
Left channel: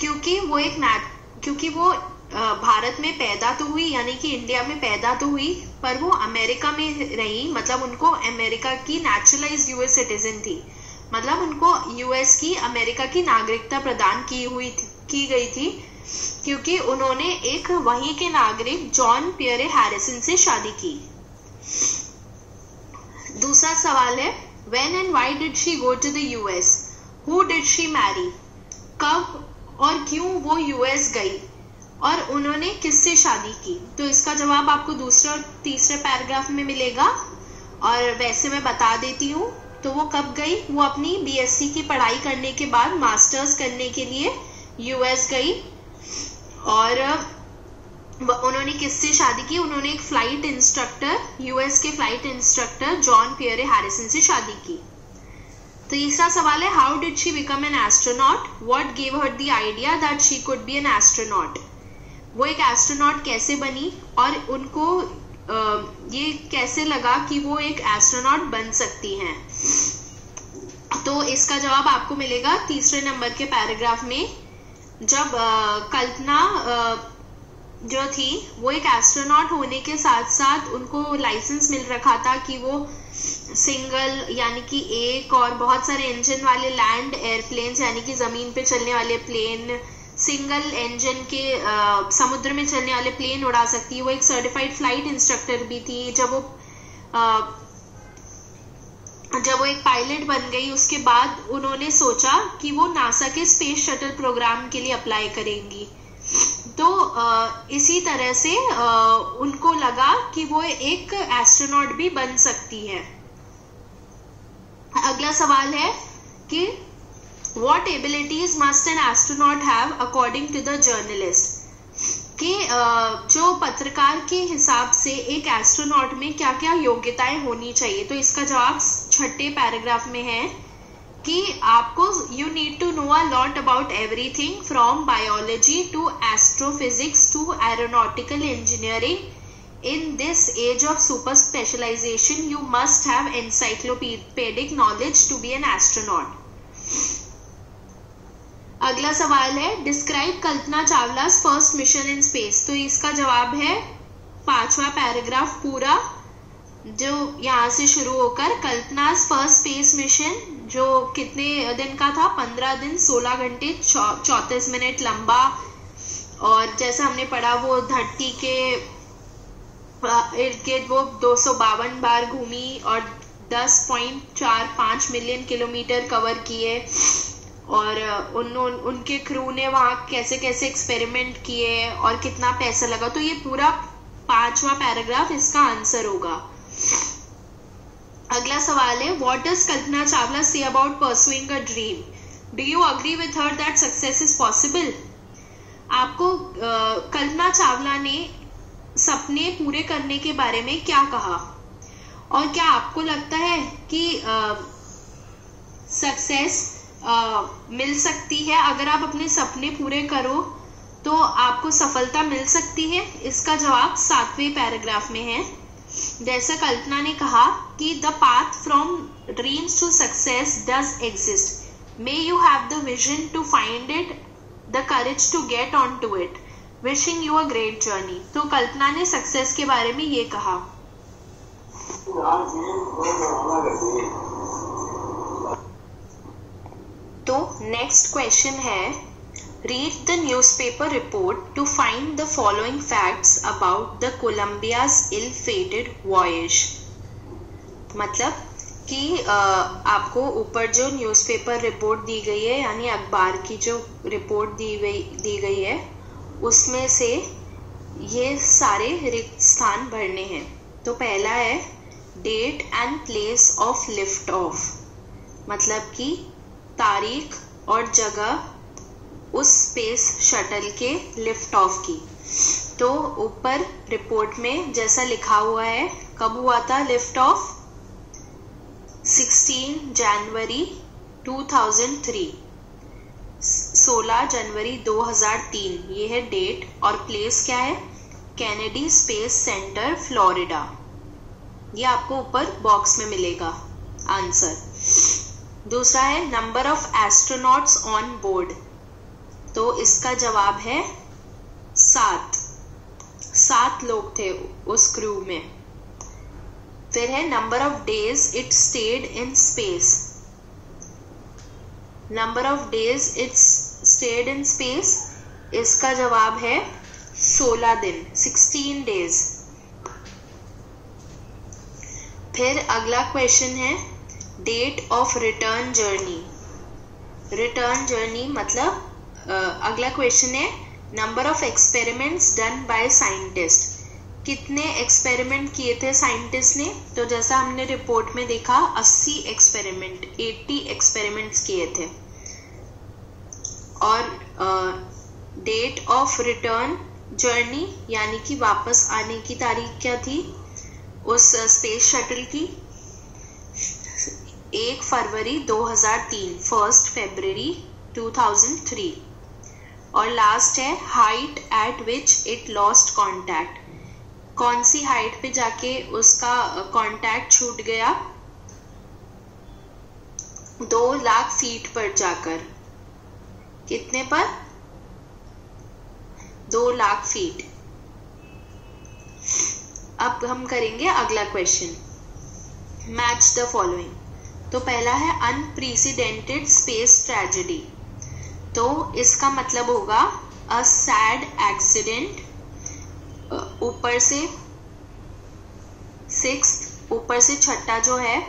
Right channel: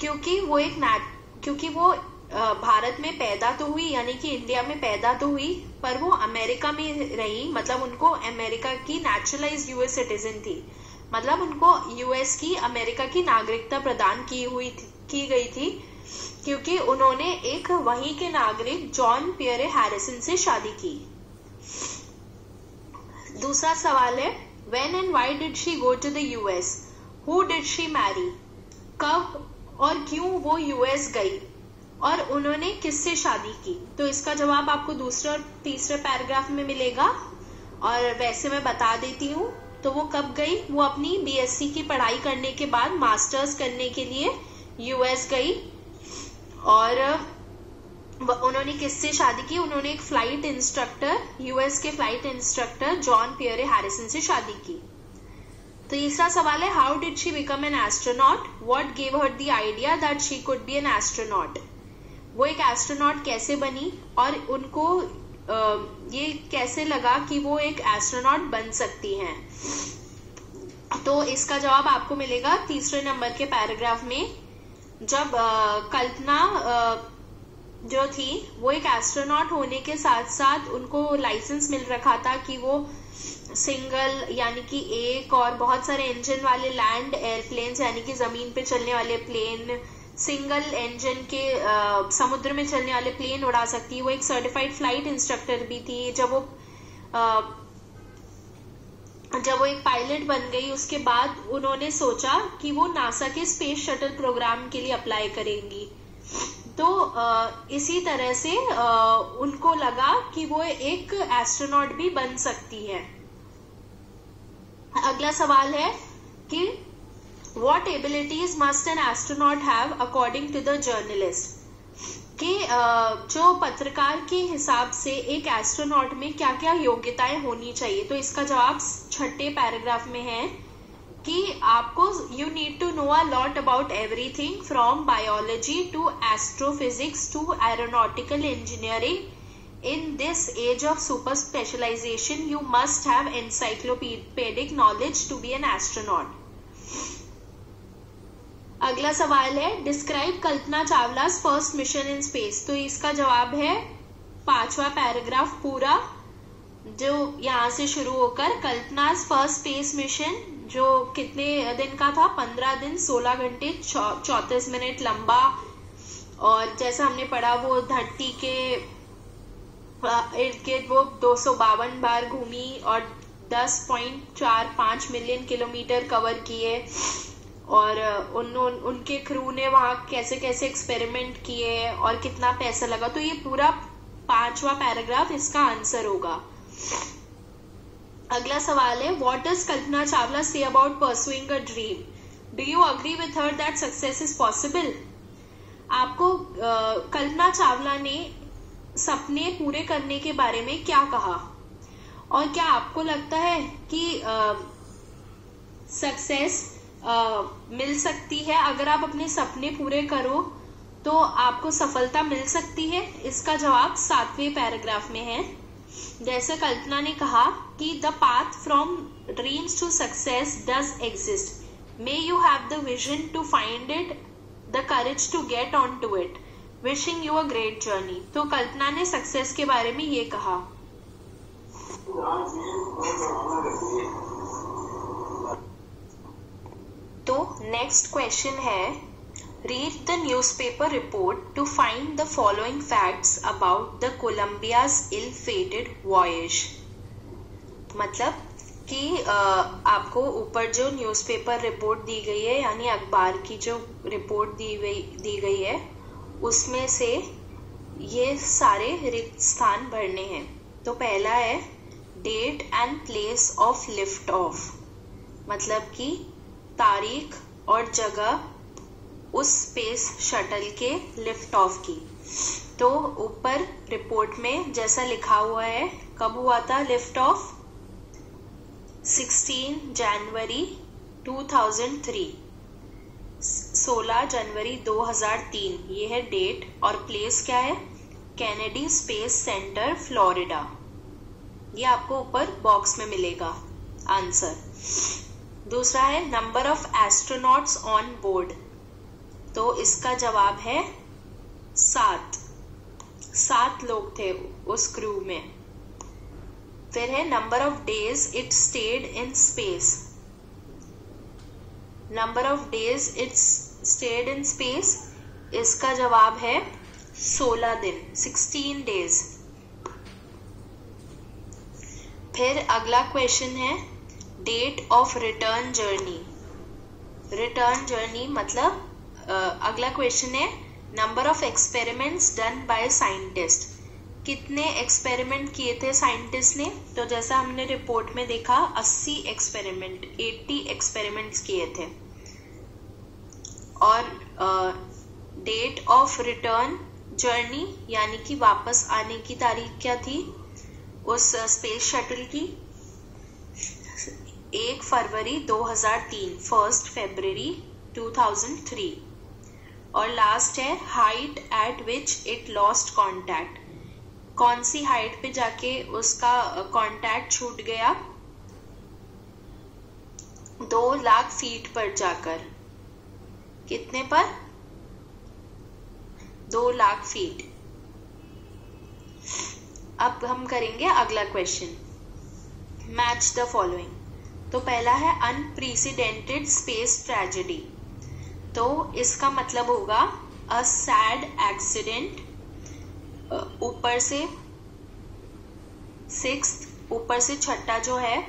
क्योंकि वो भारत में पैदा तो हुई, यानी कि इंडिया में पैदा तो हुई, पर वो अमेरिका में रही, मतलब उनको अमेरिका की नेचुरलाइज्ड यूएस सिटीजन थी, मतलब उनको यूएस की, अमेरिका की नागरिकता प्रदान की गई थी क्योंकि उन्होंने एक वहीं के नागरिक जॉन पियरे हैरिसन से शादी की। दूसरा सवाल है, when and why did she go to the US? Who did she marry? कब और क्यों वो यूएस गई और उन्होंने किससे शादी की? तो इसका जवाब आपको दूसरे और तीसरे पैराग्राफ में मिलेगा, और वैसे मैं बता देती हूँ। तो वो कब गई? वो अपनी बीएससी की पढ़ाई करने के बाद मास्टर्स करने के लिए यूएस गई, और उन्होंने किससे शादी की? उन्होंने एक फ्लाइट इंस्ट्रक्टर, यूएस के flight instructor John Pierre Harrison से शादी की। तीसरा सवाल है, how did she become an astronaut? What gave her the idea that she could be an astronaut? वो एक एस्ट्रोनॉट कैसे बनी और उनको ये कैसे लगा कि वो एक एस्ट्रोनॉट बन सकती हैं? तो इसका जवाब आपको मिलेगा 3 नंबर के पैराग्राफ में। जब कल्पना जो थी वो एक एस्ट्रोनॉट होने के साथ साथ उनको लाइसेंस मिल रखा था कि वो सिंगल, यानी कि एक और बहुत सारे इंजन वाले लैंड एयरप्लेन्स, यानी कि जमीन पे चलने वाले प्लेन, सिंगल इंजन के समुद्र में चलने वाले प्लेन उड़ा सकती है। वो एक सर्टिफाइड फ्लाइट इंस्ट्रक्टर भी थी। जब वो एक पायलट बन गई उसके बाद उन्होंने सोचा कि वो नासा के स्पेस शटल प्रोग्राम के लिए अप्लाई करेंगी। तो इसी तरह से उनको लगा कि वो एक एस्ट्रोनॉट भी बन सकती है। अगला सवाल है कि what abilities must an astronaut have according to the journalist? कि जो पत्रकार के हिसाब से एक एस्ट्रोनॉट में क्या क्या योग्यताएं होनी चाहिए? तो इसका जवाब 6ठे पैराग्राफ में है कि आपको you need to know a lot about everything from biology to astrophysics to aeronautical engineering. In this age of super specialization, you must have encyclopedic knowledge to be an astronaut. अगला सवाल है describe Kalpana Chawla's first mission in space. तो इसका जवाब है 5वां पैराग्राफ पूरा, जो यहाँ से शुरू होकर कल्पना's फर्स्ट स्पेस मिशन जो कितने दिन का था, 15 दिन 16 घंटे 34 मिनट लंबा, और जैसा हमने पढ़ा वो धरती के इर्द गिर्द वो 252 बार घूमी और 10.45 मिलियन किलोमीटर कवर किए, और उनके क्रू ने वहाँ कैसे कैसे एक्सपेरिमेंट किए और कितना पैसा लगा. तो ये पूरा 5वां पैराग्राफ इसका आंसर होगा. अगला सवाल है what does Kalpana Chawla say about pursuing a dream. Do you agree with her that success is possible. आपको कल्पना चावला ने सपने पूरे करने के बारे में क्या कहा, और क्या आपको लगता है कि सक्सेस मिल सकती है अगर आप अपने सपने पूरे करो तो आपको सफलता मिल सकती है. इसका जवाब 7वें पैराग्राफ में है. जैसे कल्पना ने कहा कि the path from dreams to success does exist, may you have the vision to find it, the courage to get on to it, wishing you a great journey. तो कल्पना ने सक्सेस के बारे में ये कहा. तो नेक्स्ट क्वेश्चन है read the newspaper report to find the following facts about the Columbia's ill fated voyage. मतलब कि आपको ऊपर जो न्यूज़पेपर रिपोर्ट दी गई है, यानी अखबार की जो रिपोर्ट दी गई है, उसमें से ये सारे रिक्त स्थान भरने हैं. तो पहला है date and place of lift off, मतलब कि तारीख और जगह उस स्पेस शटल के लिफ्ट ऑफ की. तो ऊपर रिपोर्ट में जैसा लिखा हुआ है कब हुआ था लिफ्ट ऑफ, 16 जनवरी 2003, 16 जनवरी 2003 ये है डेट, और प्लेस क्या है कैनेडी स्पेस सेंटर फ्लोरिडा. ये आपको ऊपर बॉक्स में मिलेगा आंसर. दूसरा है number of astronauts on board. तो इसका जवाब है 7 लोग थे उस क्रू में. फिर है number of days it stayed in space. Number of days it's stayed in space, इसका जवाब है 16 दिन, 16 डेज. फिर अगला क्वेश्चन है date of return journey. Return journey मतलब अगला क्वेश्चन है number of experiments done by scientist. कितने एक्सपेरिमेंट किए थे साइंटिस्ट ने. तो जैसा हमने रिपोर्ट में देखा 80 एक्सपेरिमेंट, 80 एक्सपेरिमेंट्स किए थे. और डेट ऑफ रिटर्न जर्नी यानी कि वापस आने की तारीख क्या थी उस स्पेस शटल की, 1 फरवरी 2003, 1 फरवरी 2003. और लास्ट है height eight which it lost contact. कौन सी हाइट पे जाके उसका कॉन्टैक्ट छूट गया, 2 लाख फीट पर जाकर. कितने पर, 2 लाख फीट. अब हम करेंगे अगला क्वेश्चन, मैच द फॉलोइंग. तो पहला है अनप्रेसिडेंटेड स्पेस ट्रेजेडी. तो इसका मतलब होगा अ सैड एक्सीडेंट. ऊपर से 6th, ऊपर से छठा जो है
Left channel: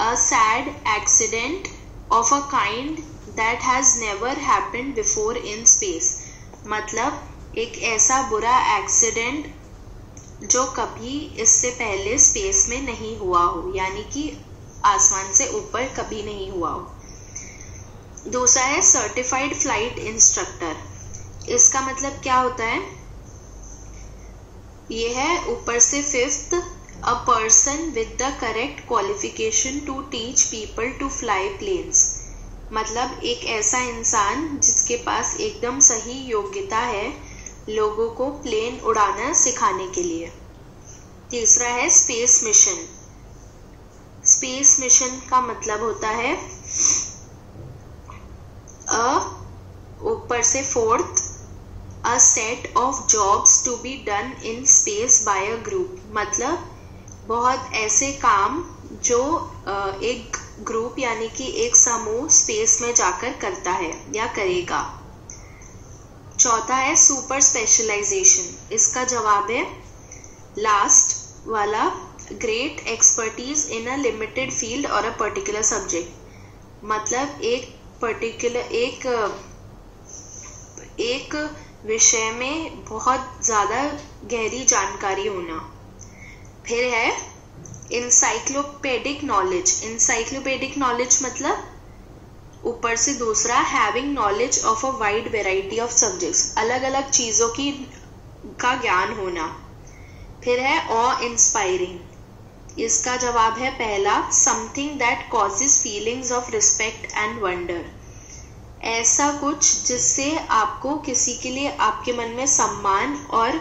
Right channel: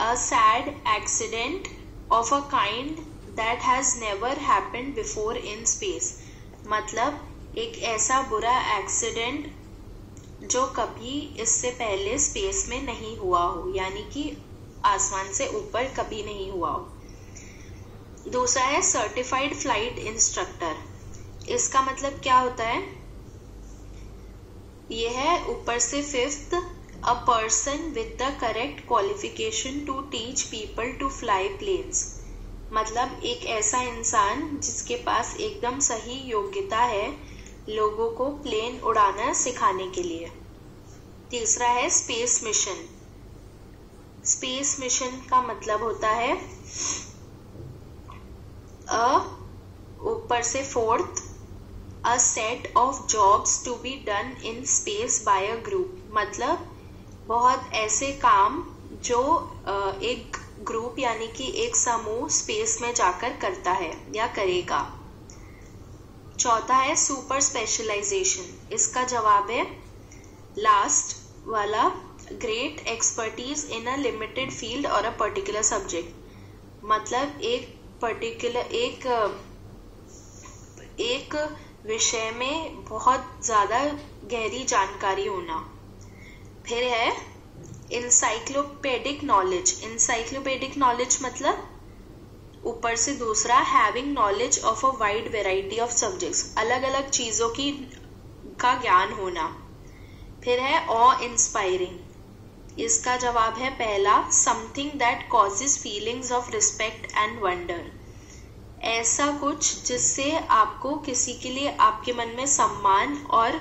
a sad accident of a kind that has never happened before in space. मतलब एक ऐसा बुरा एक्सीडेंट जो कभी इससे पहले स्पेस में नहीं हुआ हो, यानी कि आसमान से ऊपर कभी नहीं हुआ हो. दूसरा है सर्टिफाइड फ्लाइट इंस्ट्रक्टर. इसका मतलब क्या होता है, ये है ऊपर से 5th A person with the correct qualification to teach people to fly planes. मतलब एक ऐसा इंसान जिसके पास एकदम सही योग्यता है लोगों को प्लेन उड़ाना सिखाने के लिए। तीसरा है स्पेस मिशन। स्पेस मिशन का मतलब होता है ऊपर से fourth, a set of jobs to be done in space by a group. मतलब बहुत ऐसे काम जो एक ग्रुप यानी कि एक समूह स्पेस में जाकर करता है या करेगा। चौथा है सुपर स्पेशलाइजेशन। इसका जवाब है लास्ट वाला, great expertise in a limited field और अ पर्टिकुलर सब्जेक्ट। मतलब एक विषय में बहुत ज्यादा गहरी जानकारी होना। फिर है इंसाइक्लोपेडिक नॉलेज। इंसाइक्लोपेडिक नॉलेज मतलब ऊपर से दूसरा, having knowledge of a wide variety of subjects. अलग अलग चीजों का ज्ञान होना। फिर है ऑ इंस्पायरिंग। इसका जवाब है पहला, something that causes feelings of respect and wonder. ऐसा कुछ जिससे आपको किसी के लिए आपके मन में सम्मान और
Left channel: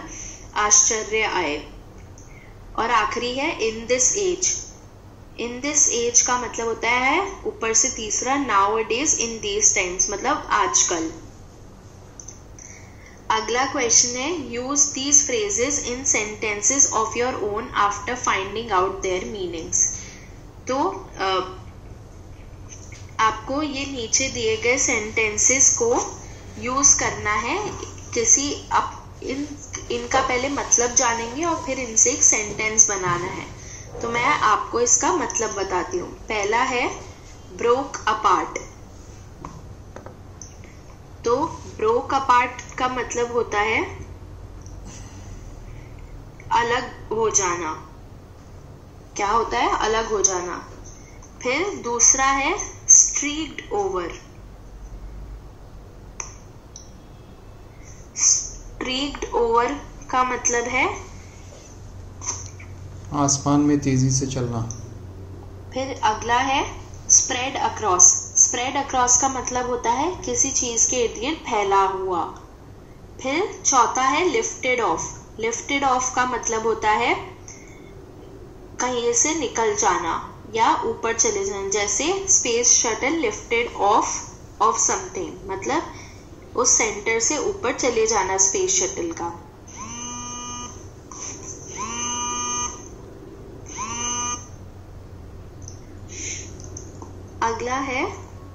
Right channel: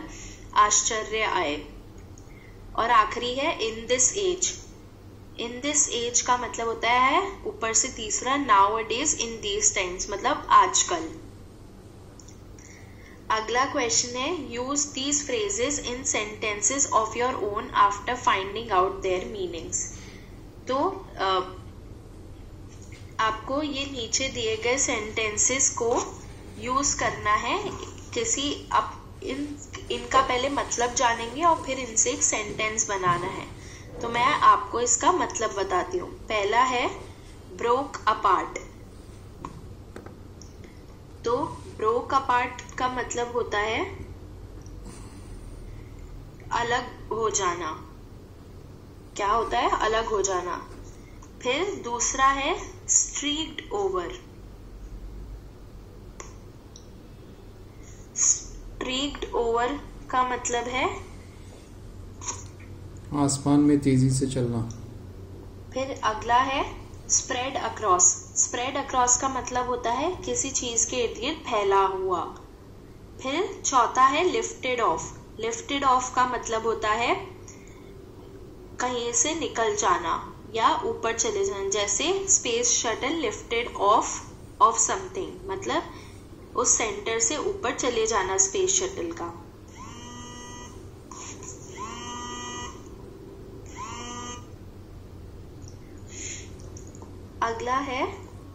आश्चर्य आए। और आखिरी है in this age. In this age का मतलब होता है ऊपर से तीसरा, nowadays in these times मतलब आजकल। अगला क्वेश्चन है use these phrases in sentences of your own after finding out their meanings. तो आपको ये नीचे दिए गए सेंटेंसेस को यूज करना है किसी इनका पहले मतलब जानेंगे और फिर इनसे एक सेंटेंस बनाना है। तो मैं आपको इसका मतलब बताती हूँ। पहला है ब्रोक अपार्ट। तो ब्रोक अपार्ट का मतलब होता है अलग हो जाना। क्या होता है? अलग हो जाना। फिर दूसरा है स्ट्रीक्ड ओवर। स्ट्रीक्ड ओवर का मतलब है आसमान में तेजी से चलना। फिर अगला है स्प्रेड अक्रॉस। स्प्रेड अक्रॉस का मतलब होता है किसी चीज के इर्द गिर्द फैला हुआ। फिर चौथा है लिफ्टेड ऑफ। लिफ्टेड ऑफ का मतलब होता है कहीं से निकल जाना या ऊपर चले जाना। जैसे space shuttle lifted of something, मतलब उस सेंटर से ऊपर चले जाना स्पेस शटल का। अगला है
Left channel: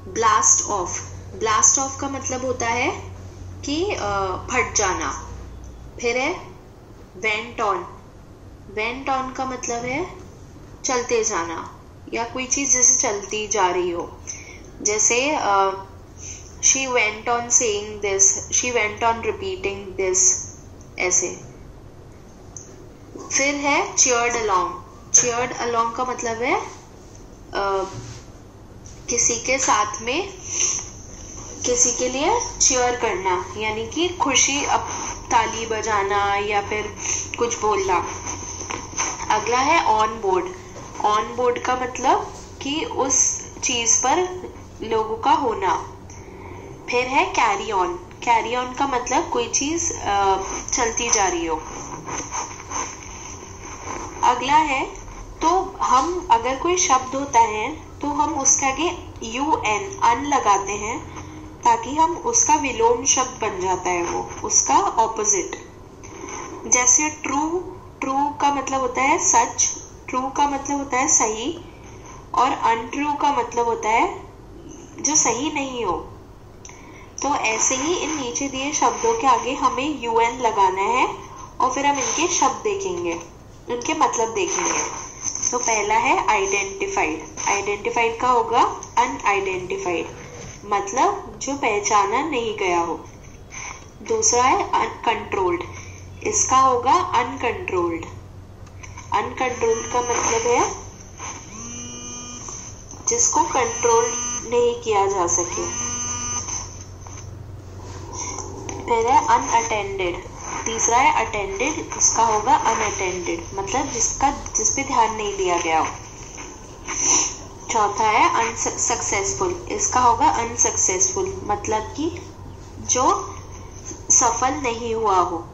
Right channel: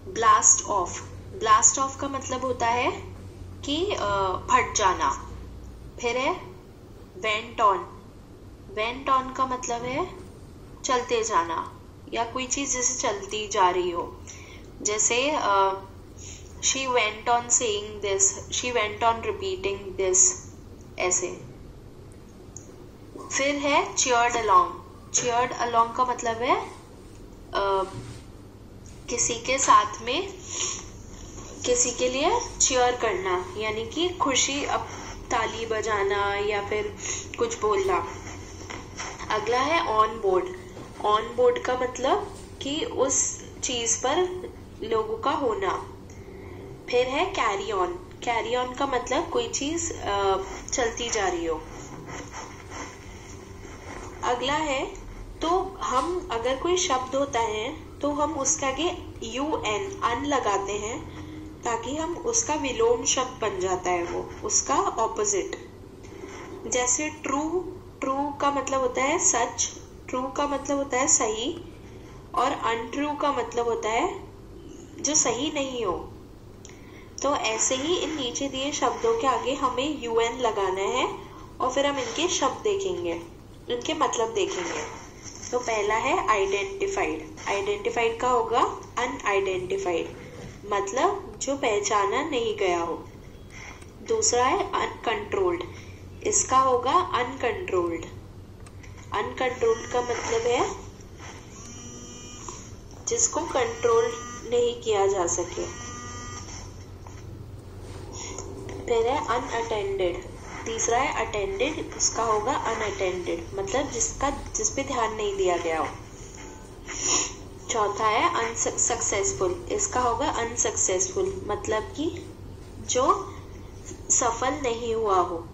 ब्लास्ट ऑफ। ब्लास्ट ऑफ का मतलब होता है कि फट जाना। फिर है वेंट ऑन। वेंट ऑन का मतलब है चलते जाना या कोई चीज जैसे चलती जा रही हो। जैसे she went on saying this, she went on repeating this, ऐसे। फिर है चीयर्ड अलोंग। चीयर्ड अलोंग का मतलब है किसी के साथ में किसी के लिए चीयर करना, यानी कि खुशी, अब ताली बजाना या फिर कुछ बोलना। अगला है ऑन बोर्ड। ऑन बोर्ड का मतलब कि उस चीज पर लोगों का होना। फिर है कैरी ऑन। कैरी ऑन का मतलब कोई चीज चलती जा रही हो। अगला है तो हम अगर कोई शब्द होता है तो हम उसके आगे अन लगाते हैं ताकि हम उसका विलोम शब्द बन जाता है, वो उसका ऑपोजिट। जैसे ट्रू। ट्रू का मतलब होता है सच। ट्रू का मतलब होता है सही। और अनट्रू का मतलब होता है जो सही नहीं हो। तो ऐसे ही इन नीचे दिए शब्दों के आगे हमें UN लगाना है और फिर हम इनके शब्द देखेंगे, इनके मतलब देखेंगे। तो पहला है आइडेंटिफाइड। आइडेंटिफाइड का होगा अनआइडेंटिफाइड, मतलब जो पहचाना नहीं गया हो। दूसरा है अनकंट्रोल्ड। इसका होगा अनकंट्रोल्ड। अनकंट्रोल्ड का मतलब है जिसको कंट्रोल नहीं किया जा सके। फिर है अनअटेंडेड। तीसरा है अटेंडेड, इसका होगा अनअटेंडेड, मतलब जिस पे ध्यान नहीं दिया गया हो। चौथा है अनसक्सेसफुल, इसका होगा अनसक्सेसफुल, मतलब कि जो सफल नहीं हुआ हो।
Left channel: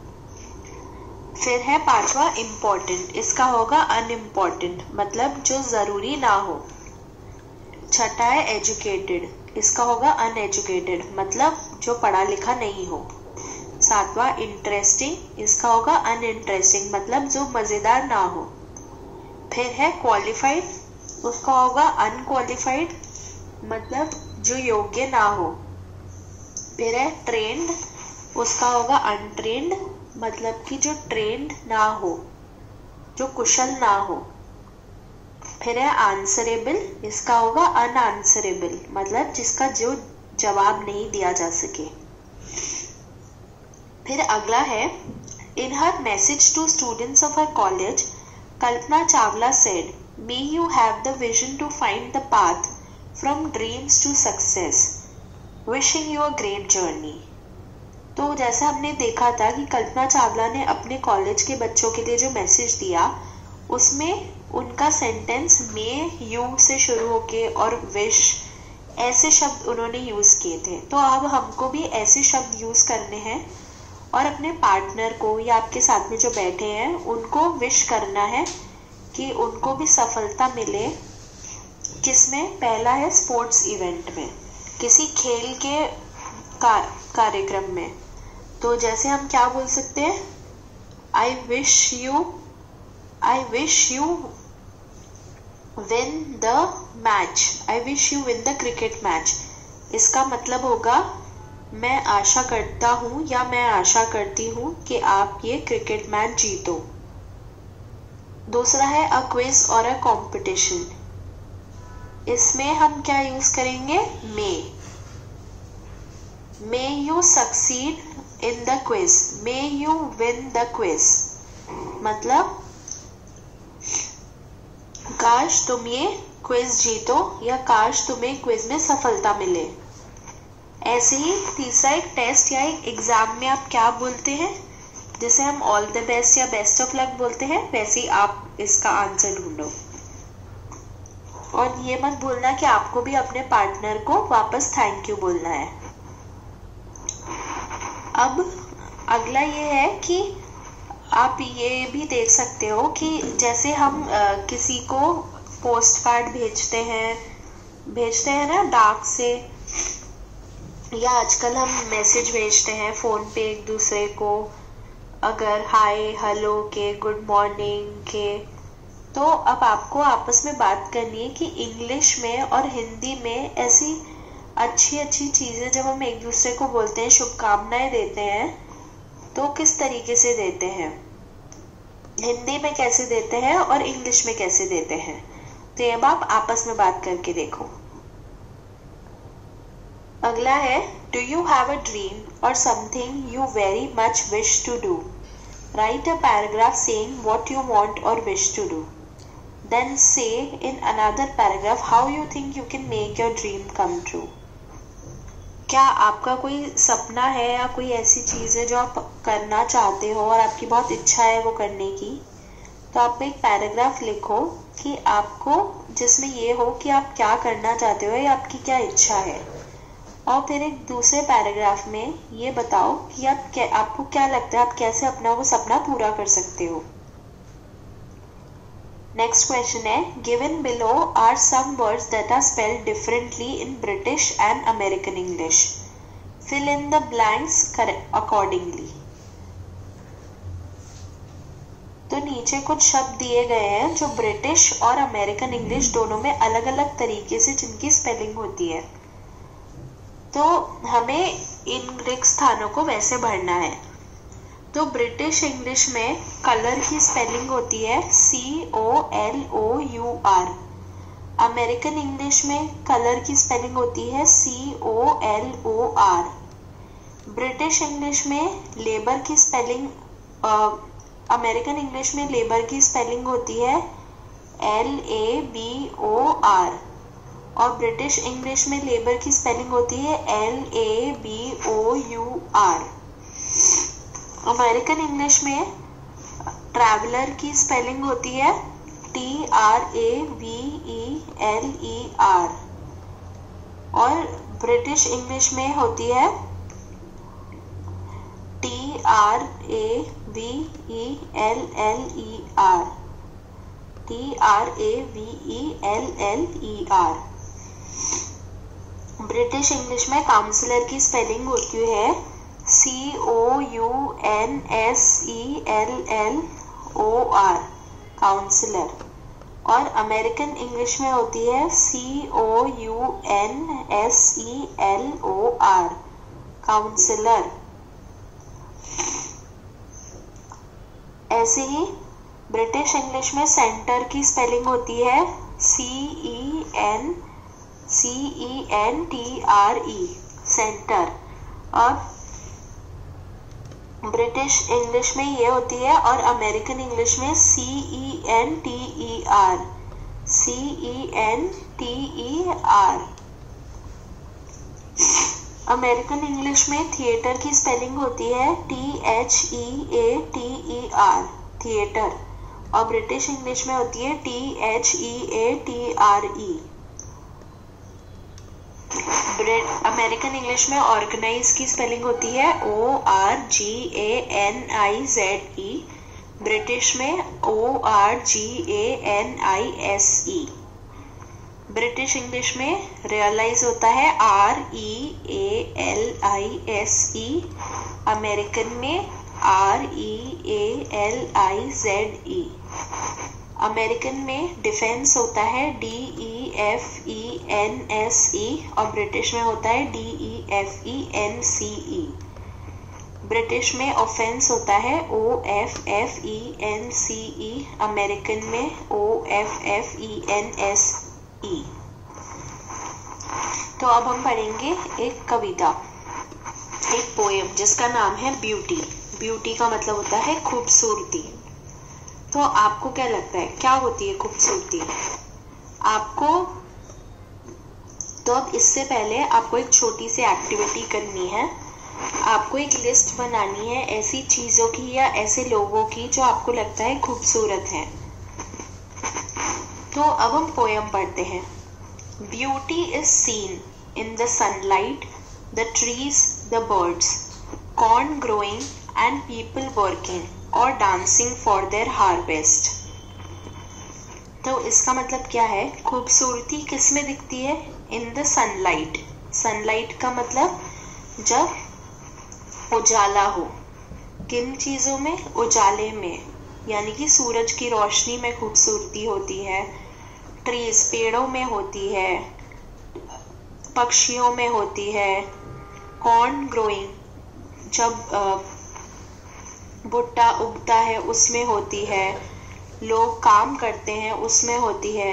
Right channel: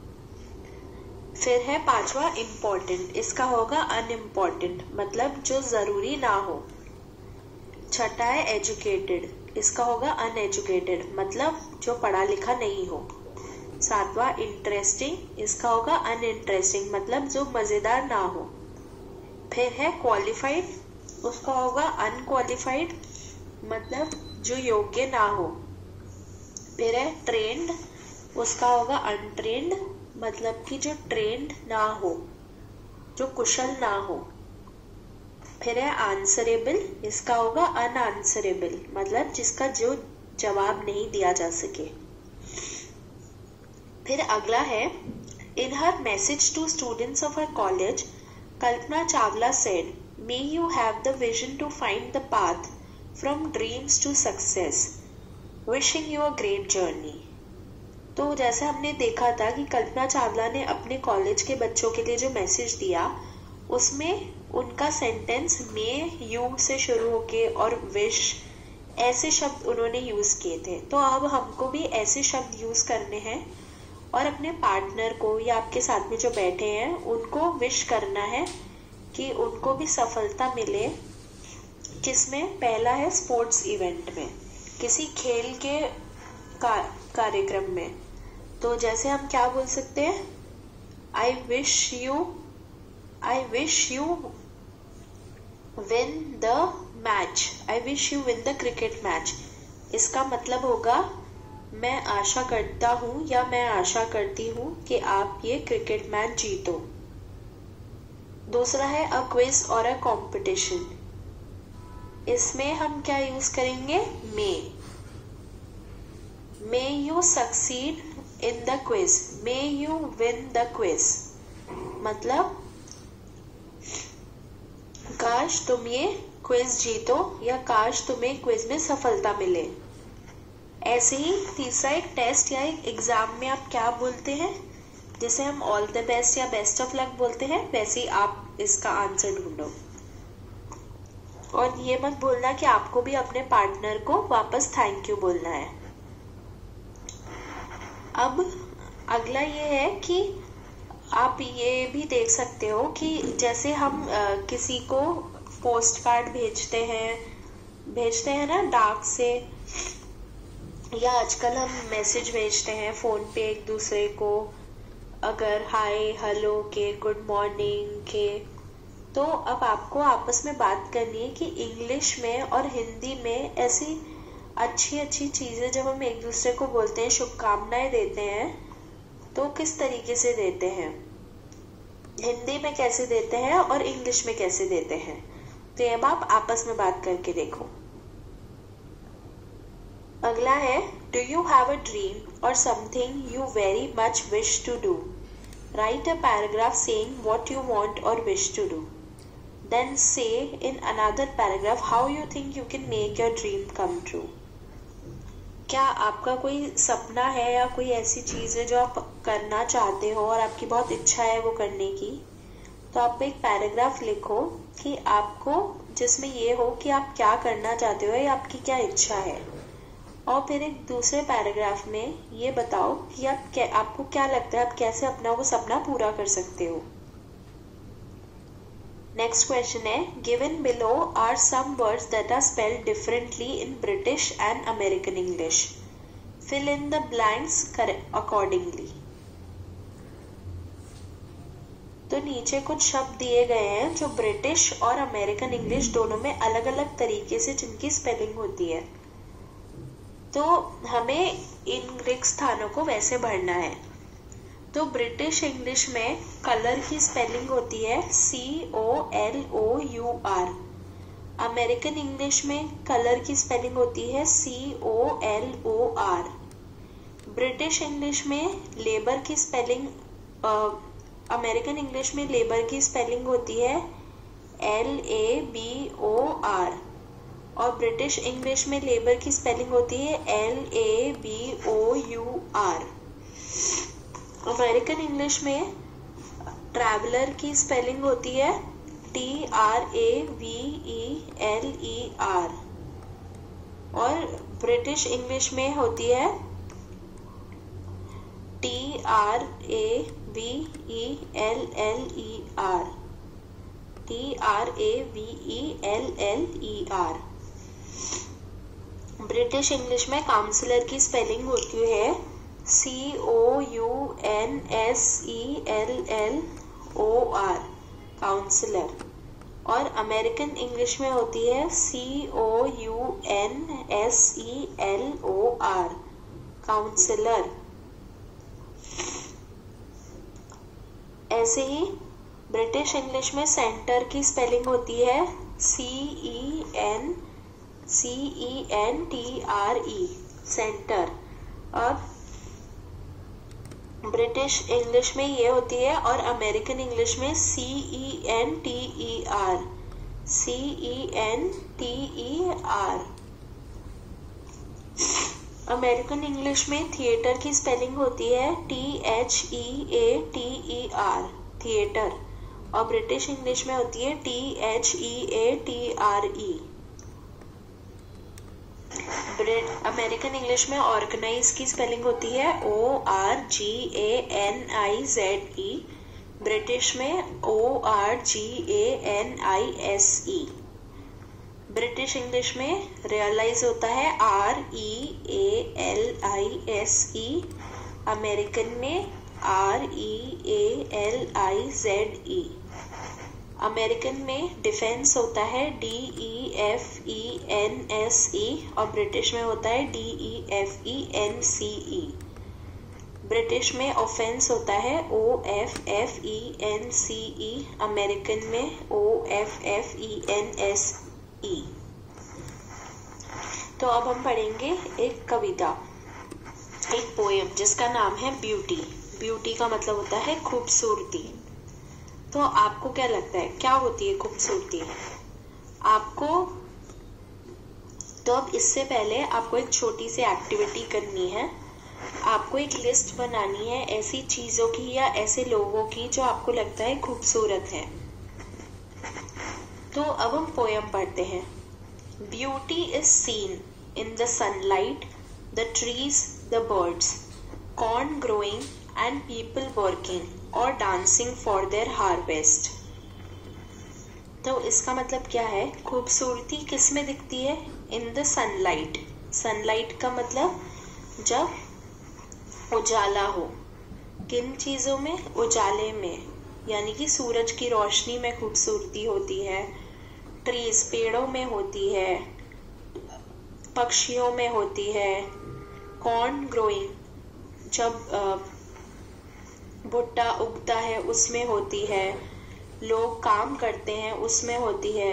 फिर है पांचवा इम्पोर्टेंट, इसका होगा अनइम्पोर्टेंट, मतलब जो जरूरी ना हो। छठा है एजुकेटेड, इसका होगा अनएजुकेटेड, मतलब जो पढ़ा लिखा नहीं हो। सातवां इंटरेस्टिंग, इसका होगा अनइंटरेस्टिंग, मतलब जो मजेदार ना हो। फिर है क्वालिफाइड, उसका होगा अनक्वालिफाइड, मतलब जो योग्य ना हो। फिर है ट्रेंड, उसका होगा अनट्रेंड, मतलब कि जो ट्रेंड ना हो, जो कुशल ना हो। फिर है आंसरेबल, इसका होगा अनआंसरेबल, मतलब जिसका जो जवाब नहीं दिया जा सके। फिर अगला है in her message to students of her college Kalpana Chawla said, may you have the vision to find the path from dreams to success, wishing you a great journey. तो जैसा हमने देखा था कि कल्पना चावला ने अपने कॉलेज के बच्चों के लिए जो मैसेज दिया, उसमें उनका सेंटेंस मे यू से शुरू होके और विश ऐसे शब्द उन्होंने यूज किए थे। तो अब हमको भी ऐसे शब्द यूज करने हैं और अपने पार्टनर को या आपके साथ में जो बैठे हैं उनको विश करना है कि उनको भी सफलता मिले। किसमें? पहला है स्पोर्ट्स इवेंट में, किसी खेल के कार्यक्रम में। तो जैसे हम क्या बोल सकते हैं, I wish you win the match, I wish you win the cricket match. इसका मतलब होगा मैं आशा करता हूं या मैं आशा करती हूं कि आप ये क्रिकेट मैच जीतो। दूसरा है अ क्विज और अ कंपटीशन, इसमें हम क्या यूज करेंगे, may you succeed in the quiz, may you win the quiz, मतलब काश तुम ये क्विज जीतो या काश तुम्हें क्विज में सफलता मिले। ऐसे ही तीसरा एक टेस्ट या एक एग्जाम में आप क्या बोलते हैं, जिसे हम ऑल द बेस्ट या बेस्ट ऑफ लक बोलते हैं, वैसे ही आप इसका आंसर ढूंढो। और ये मत भूलना कि आपको भी अपने पार्टनर को वापस थैंक यू बोलना है। अब अगला ये है कि आप ये भी देख सकते हो कि जैसे हम किसी को पोस्ट कार्ड भेजते हैं ना डाक से, या आजकल हम मैसेज भेजते हैं फोन पे एक दूसरे को, अगर हाय हेलो के, गुड मॉर्निंग के। तो अब आपको आपस में बात करनी है कि इंग्लिश में और हिंदी में ऐसी अच्छी अच्छी चीजें जब हम एक दूसरे को बोलते हैं, शुभकामनाएं देते हैं, तो किस तरीके से देते हैं, हिंदी में कैसे देते हैं और इंग्लिश में कैसे देते हैं। तो ये आप आपस में बात करके देखो। अगला है do you have a dream और something you very much wish to do, write a paragraph saying what you want और wish to do, then say in another paragraph how you think you can make your dream come true. क्या आपका कोई सपना है या कोई ऐसी चीज है जो आप करना चाहते हो और आपकी बहुत इच्छा है वो करने की, तो आप एक पैराग्राफ लिखो कि आपको, जिसमें ये हो कि आप क्या करना चाहते हो या आपकी क्या इच्छा है, और फिर एक दूसरे पैराग्राफ में ये बताओ कि आपको क्या लगता है आप कैसे अपना वो सपना पूरा कर सकते हो। नेक्स्ट क्वेश्चन है given below are some words that are spelled differently in British and American English, fill in the blanks accordingly. तो नीचे कुछ शब्द दिए गए हैं जो ब्रिटिश और अमेरिकन इंग्लिश दोनों में अलग अलग तरीके से जिनकी स्पेलिंग होती है, तो हमें इन रिक्त स्थानों को वैसे भरना है। तो ब्रिटिश इंग्लिश में कलर की स्पेलिंग होती है COLOUR, अमेरिकन इंग्लिश में कलर की स्पेलिंग होती है COLOR, ब्रिटिश इंग्लिश में लेबर की स्पेलिंग, अमेरिकन इंग्लिश में लेबर की स्पेलिंग होती है LABOR, और ब्रिटिश इंग्लिश में लेबर की स्पेलिंग होती है LABOUR। अमेरिकन इंग्लिश में ट्रैवलर की स्पेलिंग होती है TRAVELER और ब्रिटिश इंग्लिश में होती है TRAVELLER। ब्रिटिश इंग्लिश में काउंसलर की स्पेलिंग होती है COUNSELLOR, काउंसलर। और अमेरिकन इंग्लिश में होती है COUNSELOR, काउंसलर। ऐसे ही ब्रिटिश इंग्लिश में सेंटर की स्पेलिंग होती है CENTRE, सेंटर। और ब्रिटिश इंग्लिश में ये होती है और अमेरिकन इंग्लिश में CENTER। अमेरिकन इंग्लिश में थिएटर की स्पेलिंग होती है THEATER, थिएटर। और ब्रिटिश इंग्लिश में होती है THEATRE। अमेरिकन इंग्लिश में ऑर्गेनाइज की स्पेलिंग होती है ORGANIZE, ब्रिटिश में ORGANISE। ब्रिटिश इंग्लिश में रियलाइज होता है REALISE, अमेरिकन में REALIZE। अमेरिकन में डिफेंस होता है DEFENSE और ब्रिटिश में होता है DEFENCE। ब्रिटिश में ऑफेंस होता है OFFENCE, अमेरिकन में OFFENSE। तो अब हम पढ़ेंगे एक कविता, एक पोएम जिसका नाम है ब्यूटी। ब्यूटी का मतलब होता है खूबसूरती। तो आपको क्या लगता है क्या होती है खूबसूरती आपको? तो अब इससे पहले आपको एक छोटी सी एक्टिविटी करनी है। आपको एक लिस्ट बनानी है ऐसी चीजों की या ऐसे लोगों की जो आपको लगता है खूबसूरत है। तो अब हम पोएम पढ़ते हैं। Beauty is seen in the sunlight, the trees, the birds, corn growing and people working और डांसिंग फॉर देयर हार्वेस्ट। तो इसका मतलब क्या है? खूबसूरती किस में दिखती है? In the sunlight. सनलाइट का मतलब जब उजाला हो। किन चीजों में? उजाले में, यानी कि सूरज की रोशनी में खूबसूरती होती है। ट्रीज पेड़ों में होती है, पक्षियों में होती है। कॉर्न ग्रोइंग जब भुट्टा उगता है उसमें होती है। लोग काम करते हैं उसमें होती है।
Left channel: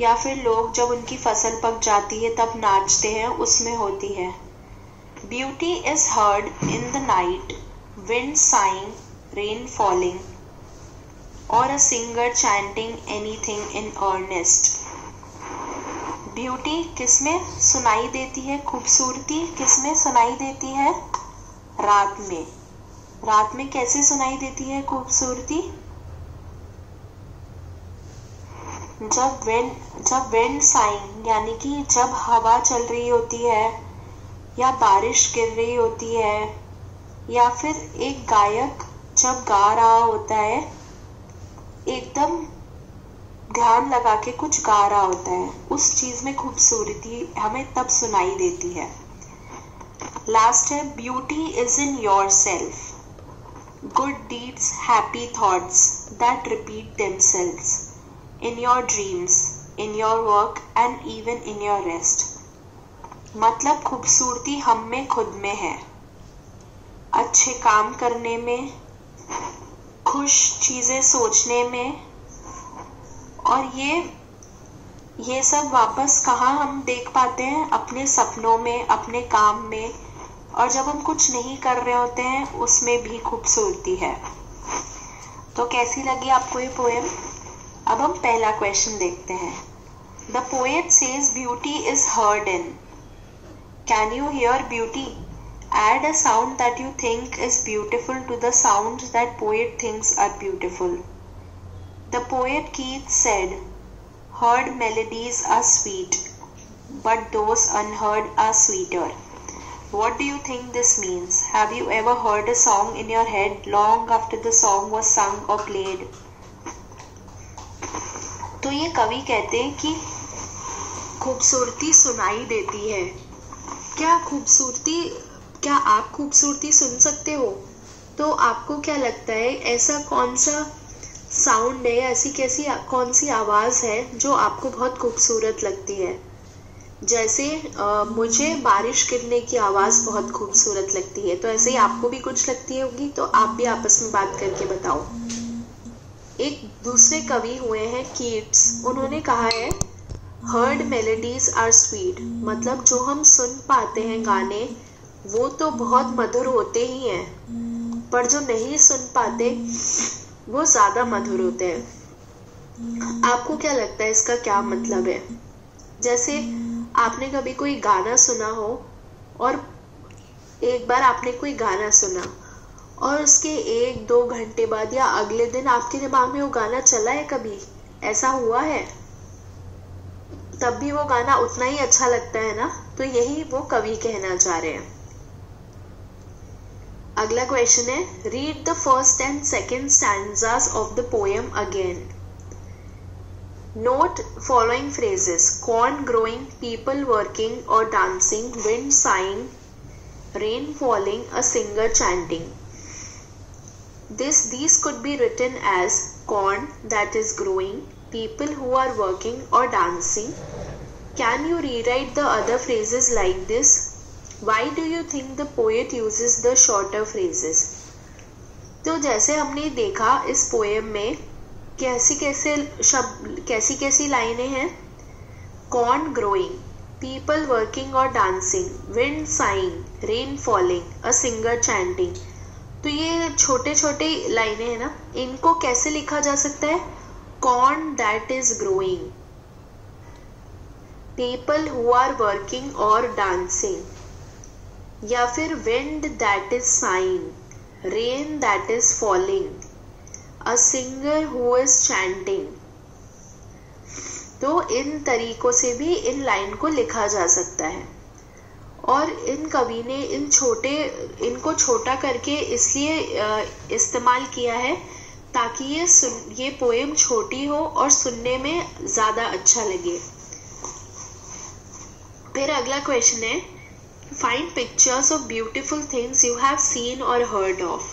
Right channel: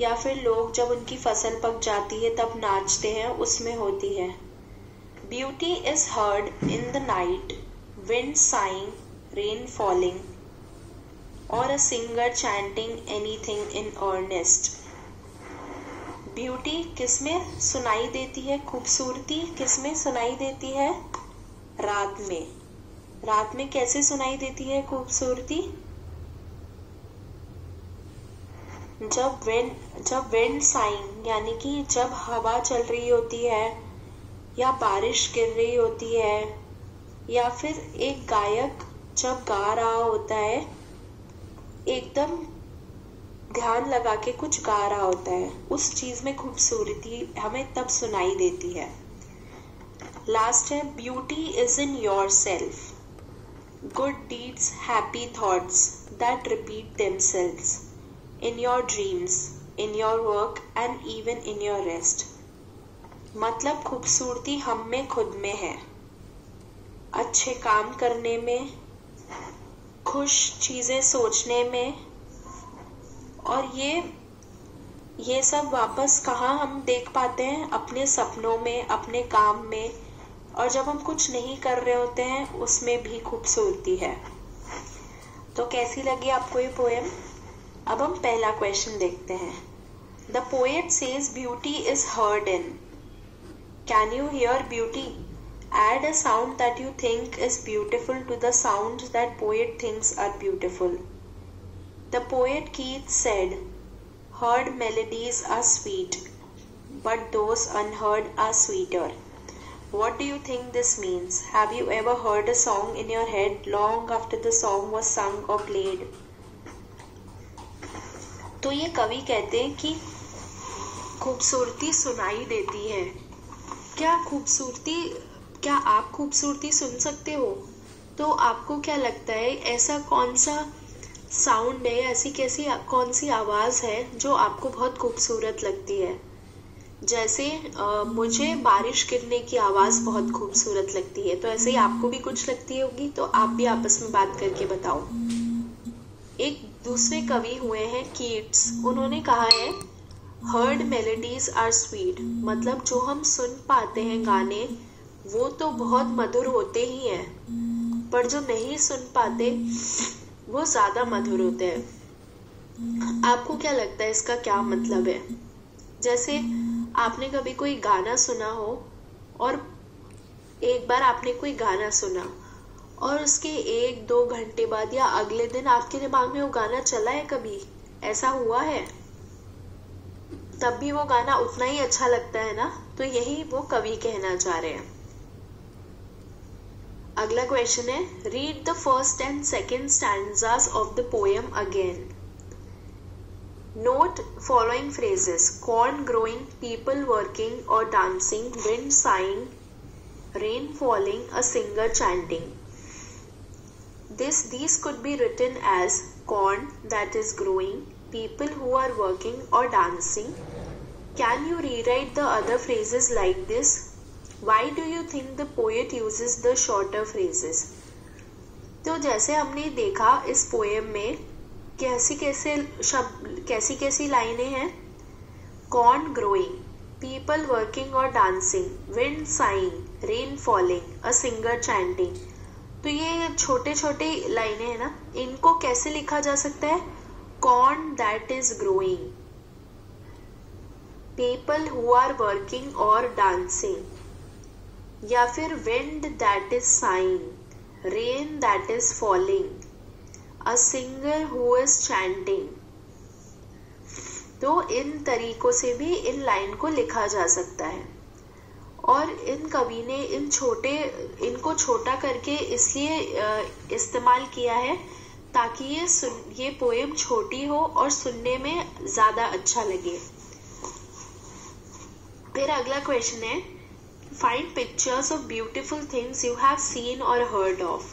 या फिर लोग जब उनकी फसल पक जाती है तब नाचते हैं उसमें होती है। Beauty is heard in the night, wind sighing, rain falling और a singer chanting anything in earnest. Beauty किसमें सुनाई देती है? खूबसूरती किसमें सुनाई देती है? रात में। रात में कैसे सुनाई देती है खूबसूरती? जब विंड साइंग, यानी कि जब हवा चल रही होती है या बारिश गिर रही होती है, या फिर एक गायक जब गा रहा होता है, एकदम ध्यान लगा के कुछ गा रहा होता है, उस चीज में खूबसूरती हमें तब सुनाई देती है। लास्ट है beauty is in your self, good deeds, happy thoughts that repeat themselves in your dreams, in your work and even in your rest। मतलब खूबसूरती हम में खुद में है, अच्छे काम करने में, खुश चीजें सोचने में। और ये सब वापस कहाँ हम देख पाते हैं? अपने सपनों में, अपने काम में। और जब हम कुछ नहीं कर रहे होते हैं उसमें भी खूबसूरती है। तो कैसी लगी आपको ये पोएम? अब हम पहला क्वेश्चन देखते हैं। The poet says beauty is heard in, can you here beauty? Add a sound that you think is beautiful to the sounds that poet thinks are beautiful. The poet Keats said, "Heard melodies are sweet, but those unheard are sweeter." What do you think this means? Have you ever heard a song in your head long after the song was sung or played? तो ये कवि कहते हैं कि खूबसूरती सुनाई देती है। क्या आप खूबसूरती सुन सकते हो? तो आपको क्या लगता है, ऐसा कौन सा साउंड है, ऐसी कौन सी आवाज है जो आपको बहुत खूबसूरत लगती है? जैसे मुझे बारिश गिरने की आवाज बहुत खूबसूरत लगती है, तो ऐसे ही आपको भी कुछ लगती होगी। तो आप भी आपस में बात करके बताओ। एक दूसरे कवि हुए हैं कीट्स, उन्होंने कहा है हर्ड मेलोडीज आर स्वीट, मतलब जो हम सुन पाते हैं गाने वो तो बहुत मधुर होते ही हैं, पर जो नहीं सुन पाते वो ज्यादा मधुर होते हैं। आपको क्या लगता है इसका क्या मतलब है? जैसे आपने कभी कोई गाना सुना हो और एक बार आपने कोई गाना सुना और उसके 1-2 घंटे बाद या अगले दिन आपके दिमाग में वो गाना चला है, कभी ऐसा हुआ है? तब भी वो गाना उतना ही अच्छा लगता है ना? तो यही वो कवि कहना चाह रहे हैं। अगला क्वेश्चन है, read the first and second stanzas of the poem again. Note following phrases: corn growing, people working or dancing, wind sighing, rain falling, a singer chanting. These could be written as corn that is growing, people who are working or dancing. Can you rewrite the other phrases like this? Why do you think the poet uses the shorter phrases? तो जैसे हमने देखा इस पोएम में कैसी लाइनें हैं। कॉर्न ग्रोइंग, पीपल वर्किंग और dancing, wind sighing, rain falling, a singer chanting. तो ये छोटे छोटे लाइनें हैं ना, इनको कैसे लिखा जा सकता है? Corn that is growing, people who are working और डांसिंग, या फिर wind that is sighing, rain that is falling, a singer who is chanting. तो इन तरीकों से भी इन लाइन को लिखा जा सकता है। और इन कवि ने इनको छोटा करके इसलिए इस्तेमाल किया है ताकि ये पोएम छोटी हो और सुनने में ज्यादा अच्छा लगे। फिर अगला क्वेश्चन है, find pictures of beautiful things you have seen और हर्ड ऑफ।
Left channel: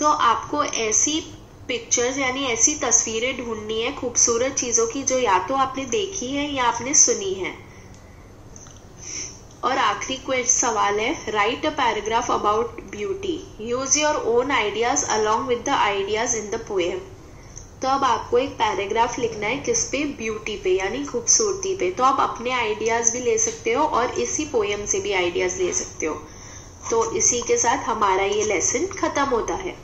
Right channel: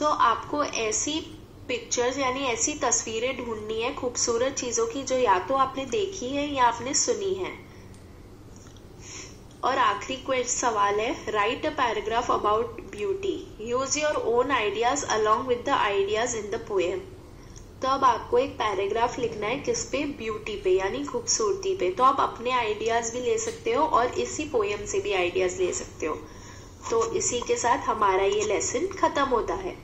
तो आपको ऐसी पिक्चर्स यानी ऐसी तस्वीरें ढूंढनी है खूबसूरत चीजों की जो या तो आपने देखी है या आपने सुनी है। और आखिरी सवाल है, right a paragraph about beauty, use your own ideas along with the ideas in the poem. तो अब आपको एक पैराग्राफ लिखना है किस पे? ब्यूटी पे, यानी खूबसूरती पे। तो आप अपने आइडियाज भी ले सकते हो और इसी पोएम से भी आइडियाज ले सकते हो। तो इसी के साथ हमारा ये लेसन खत्म होता है।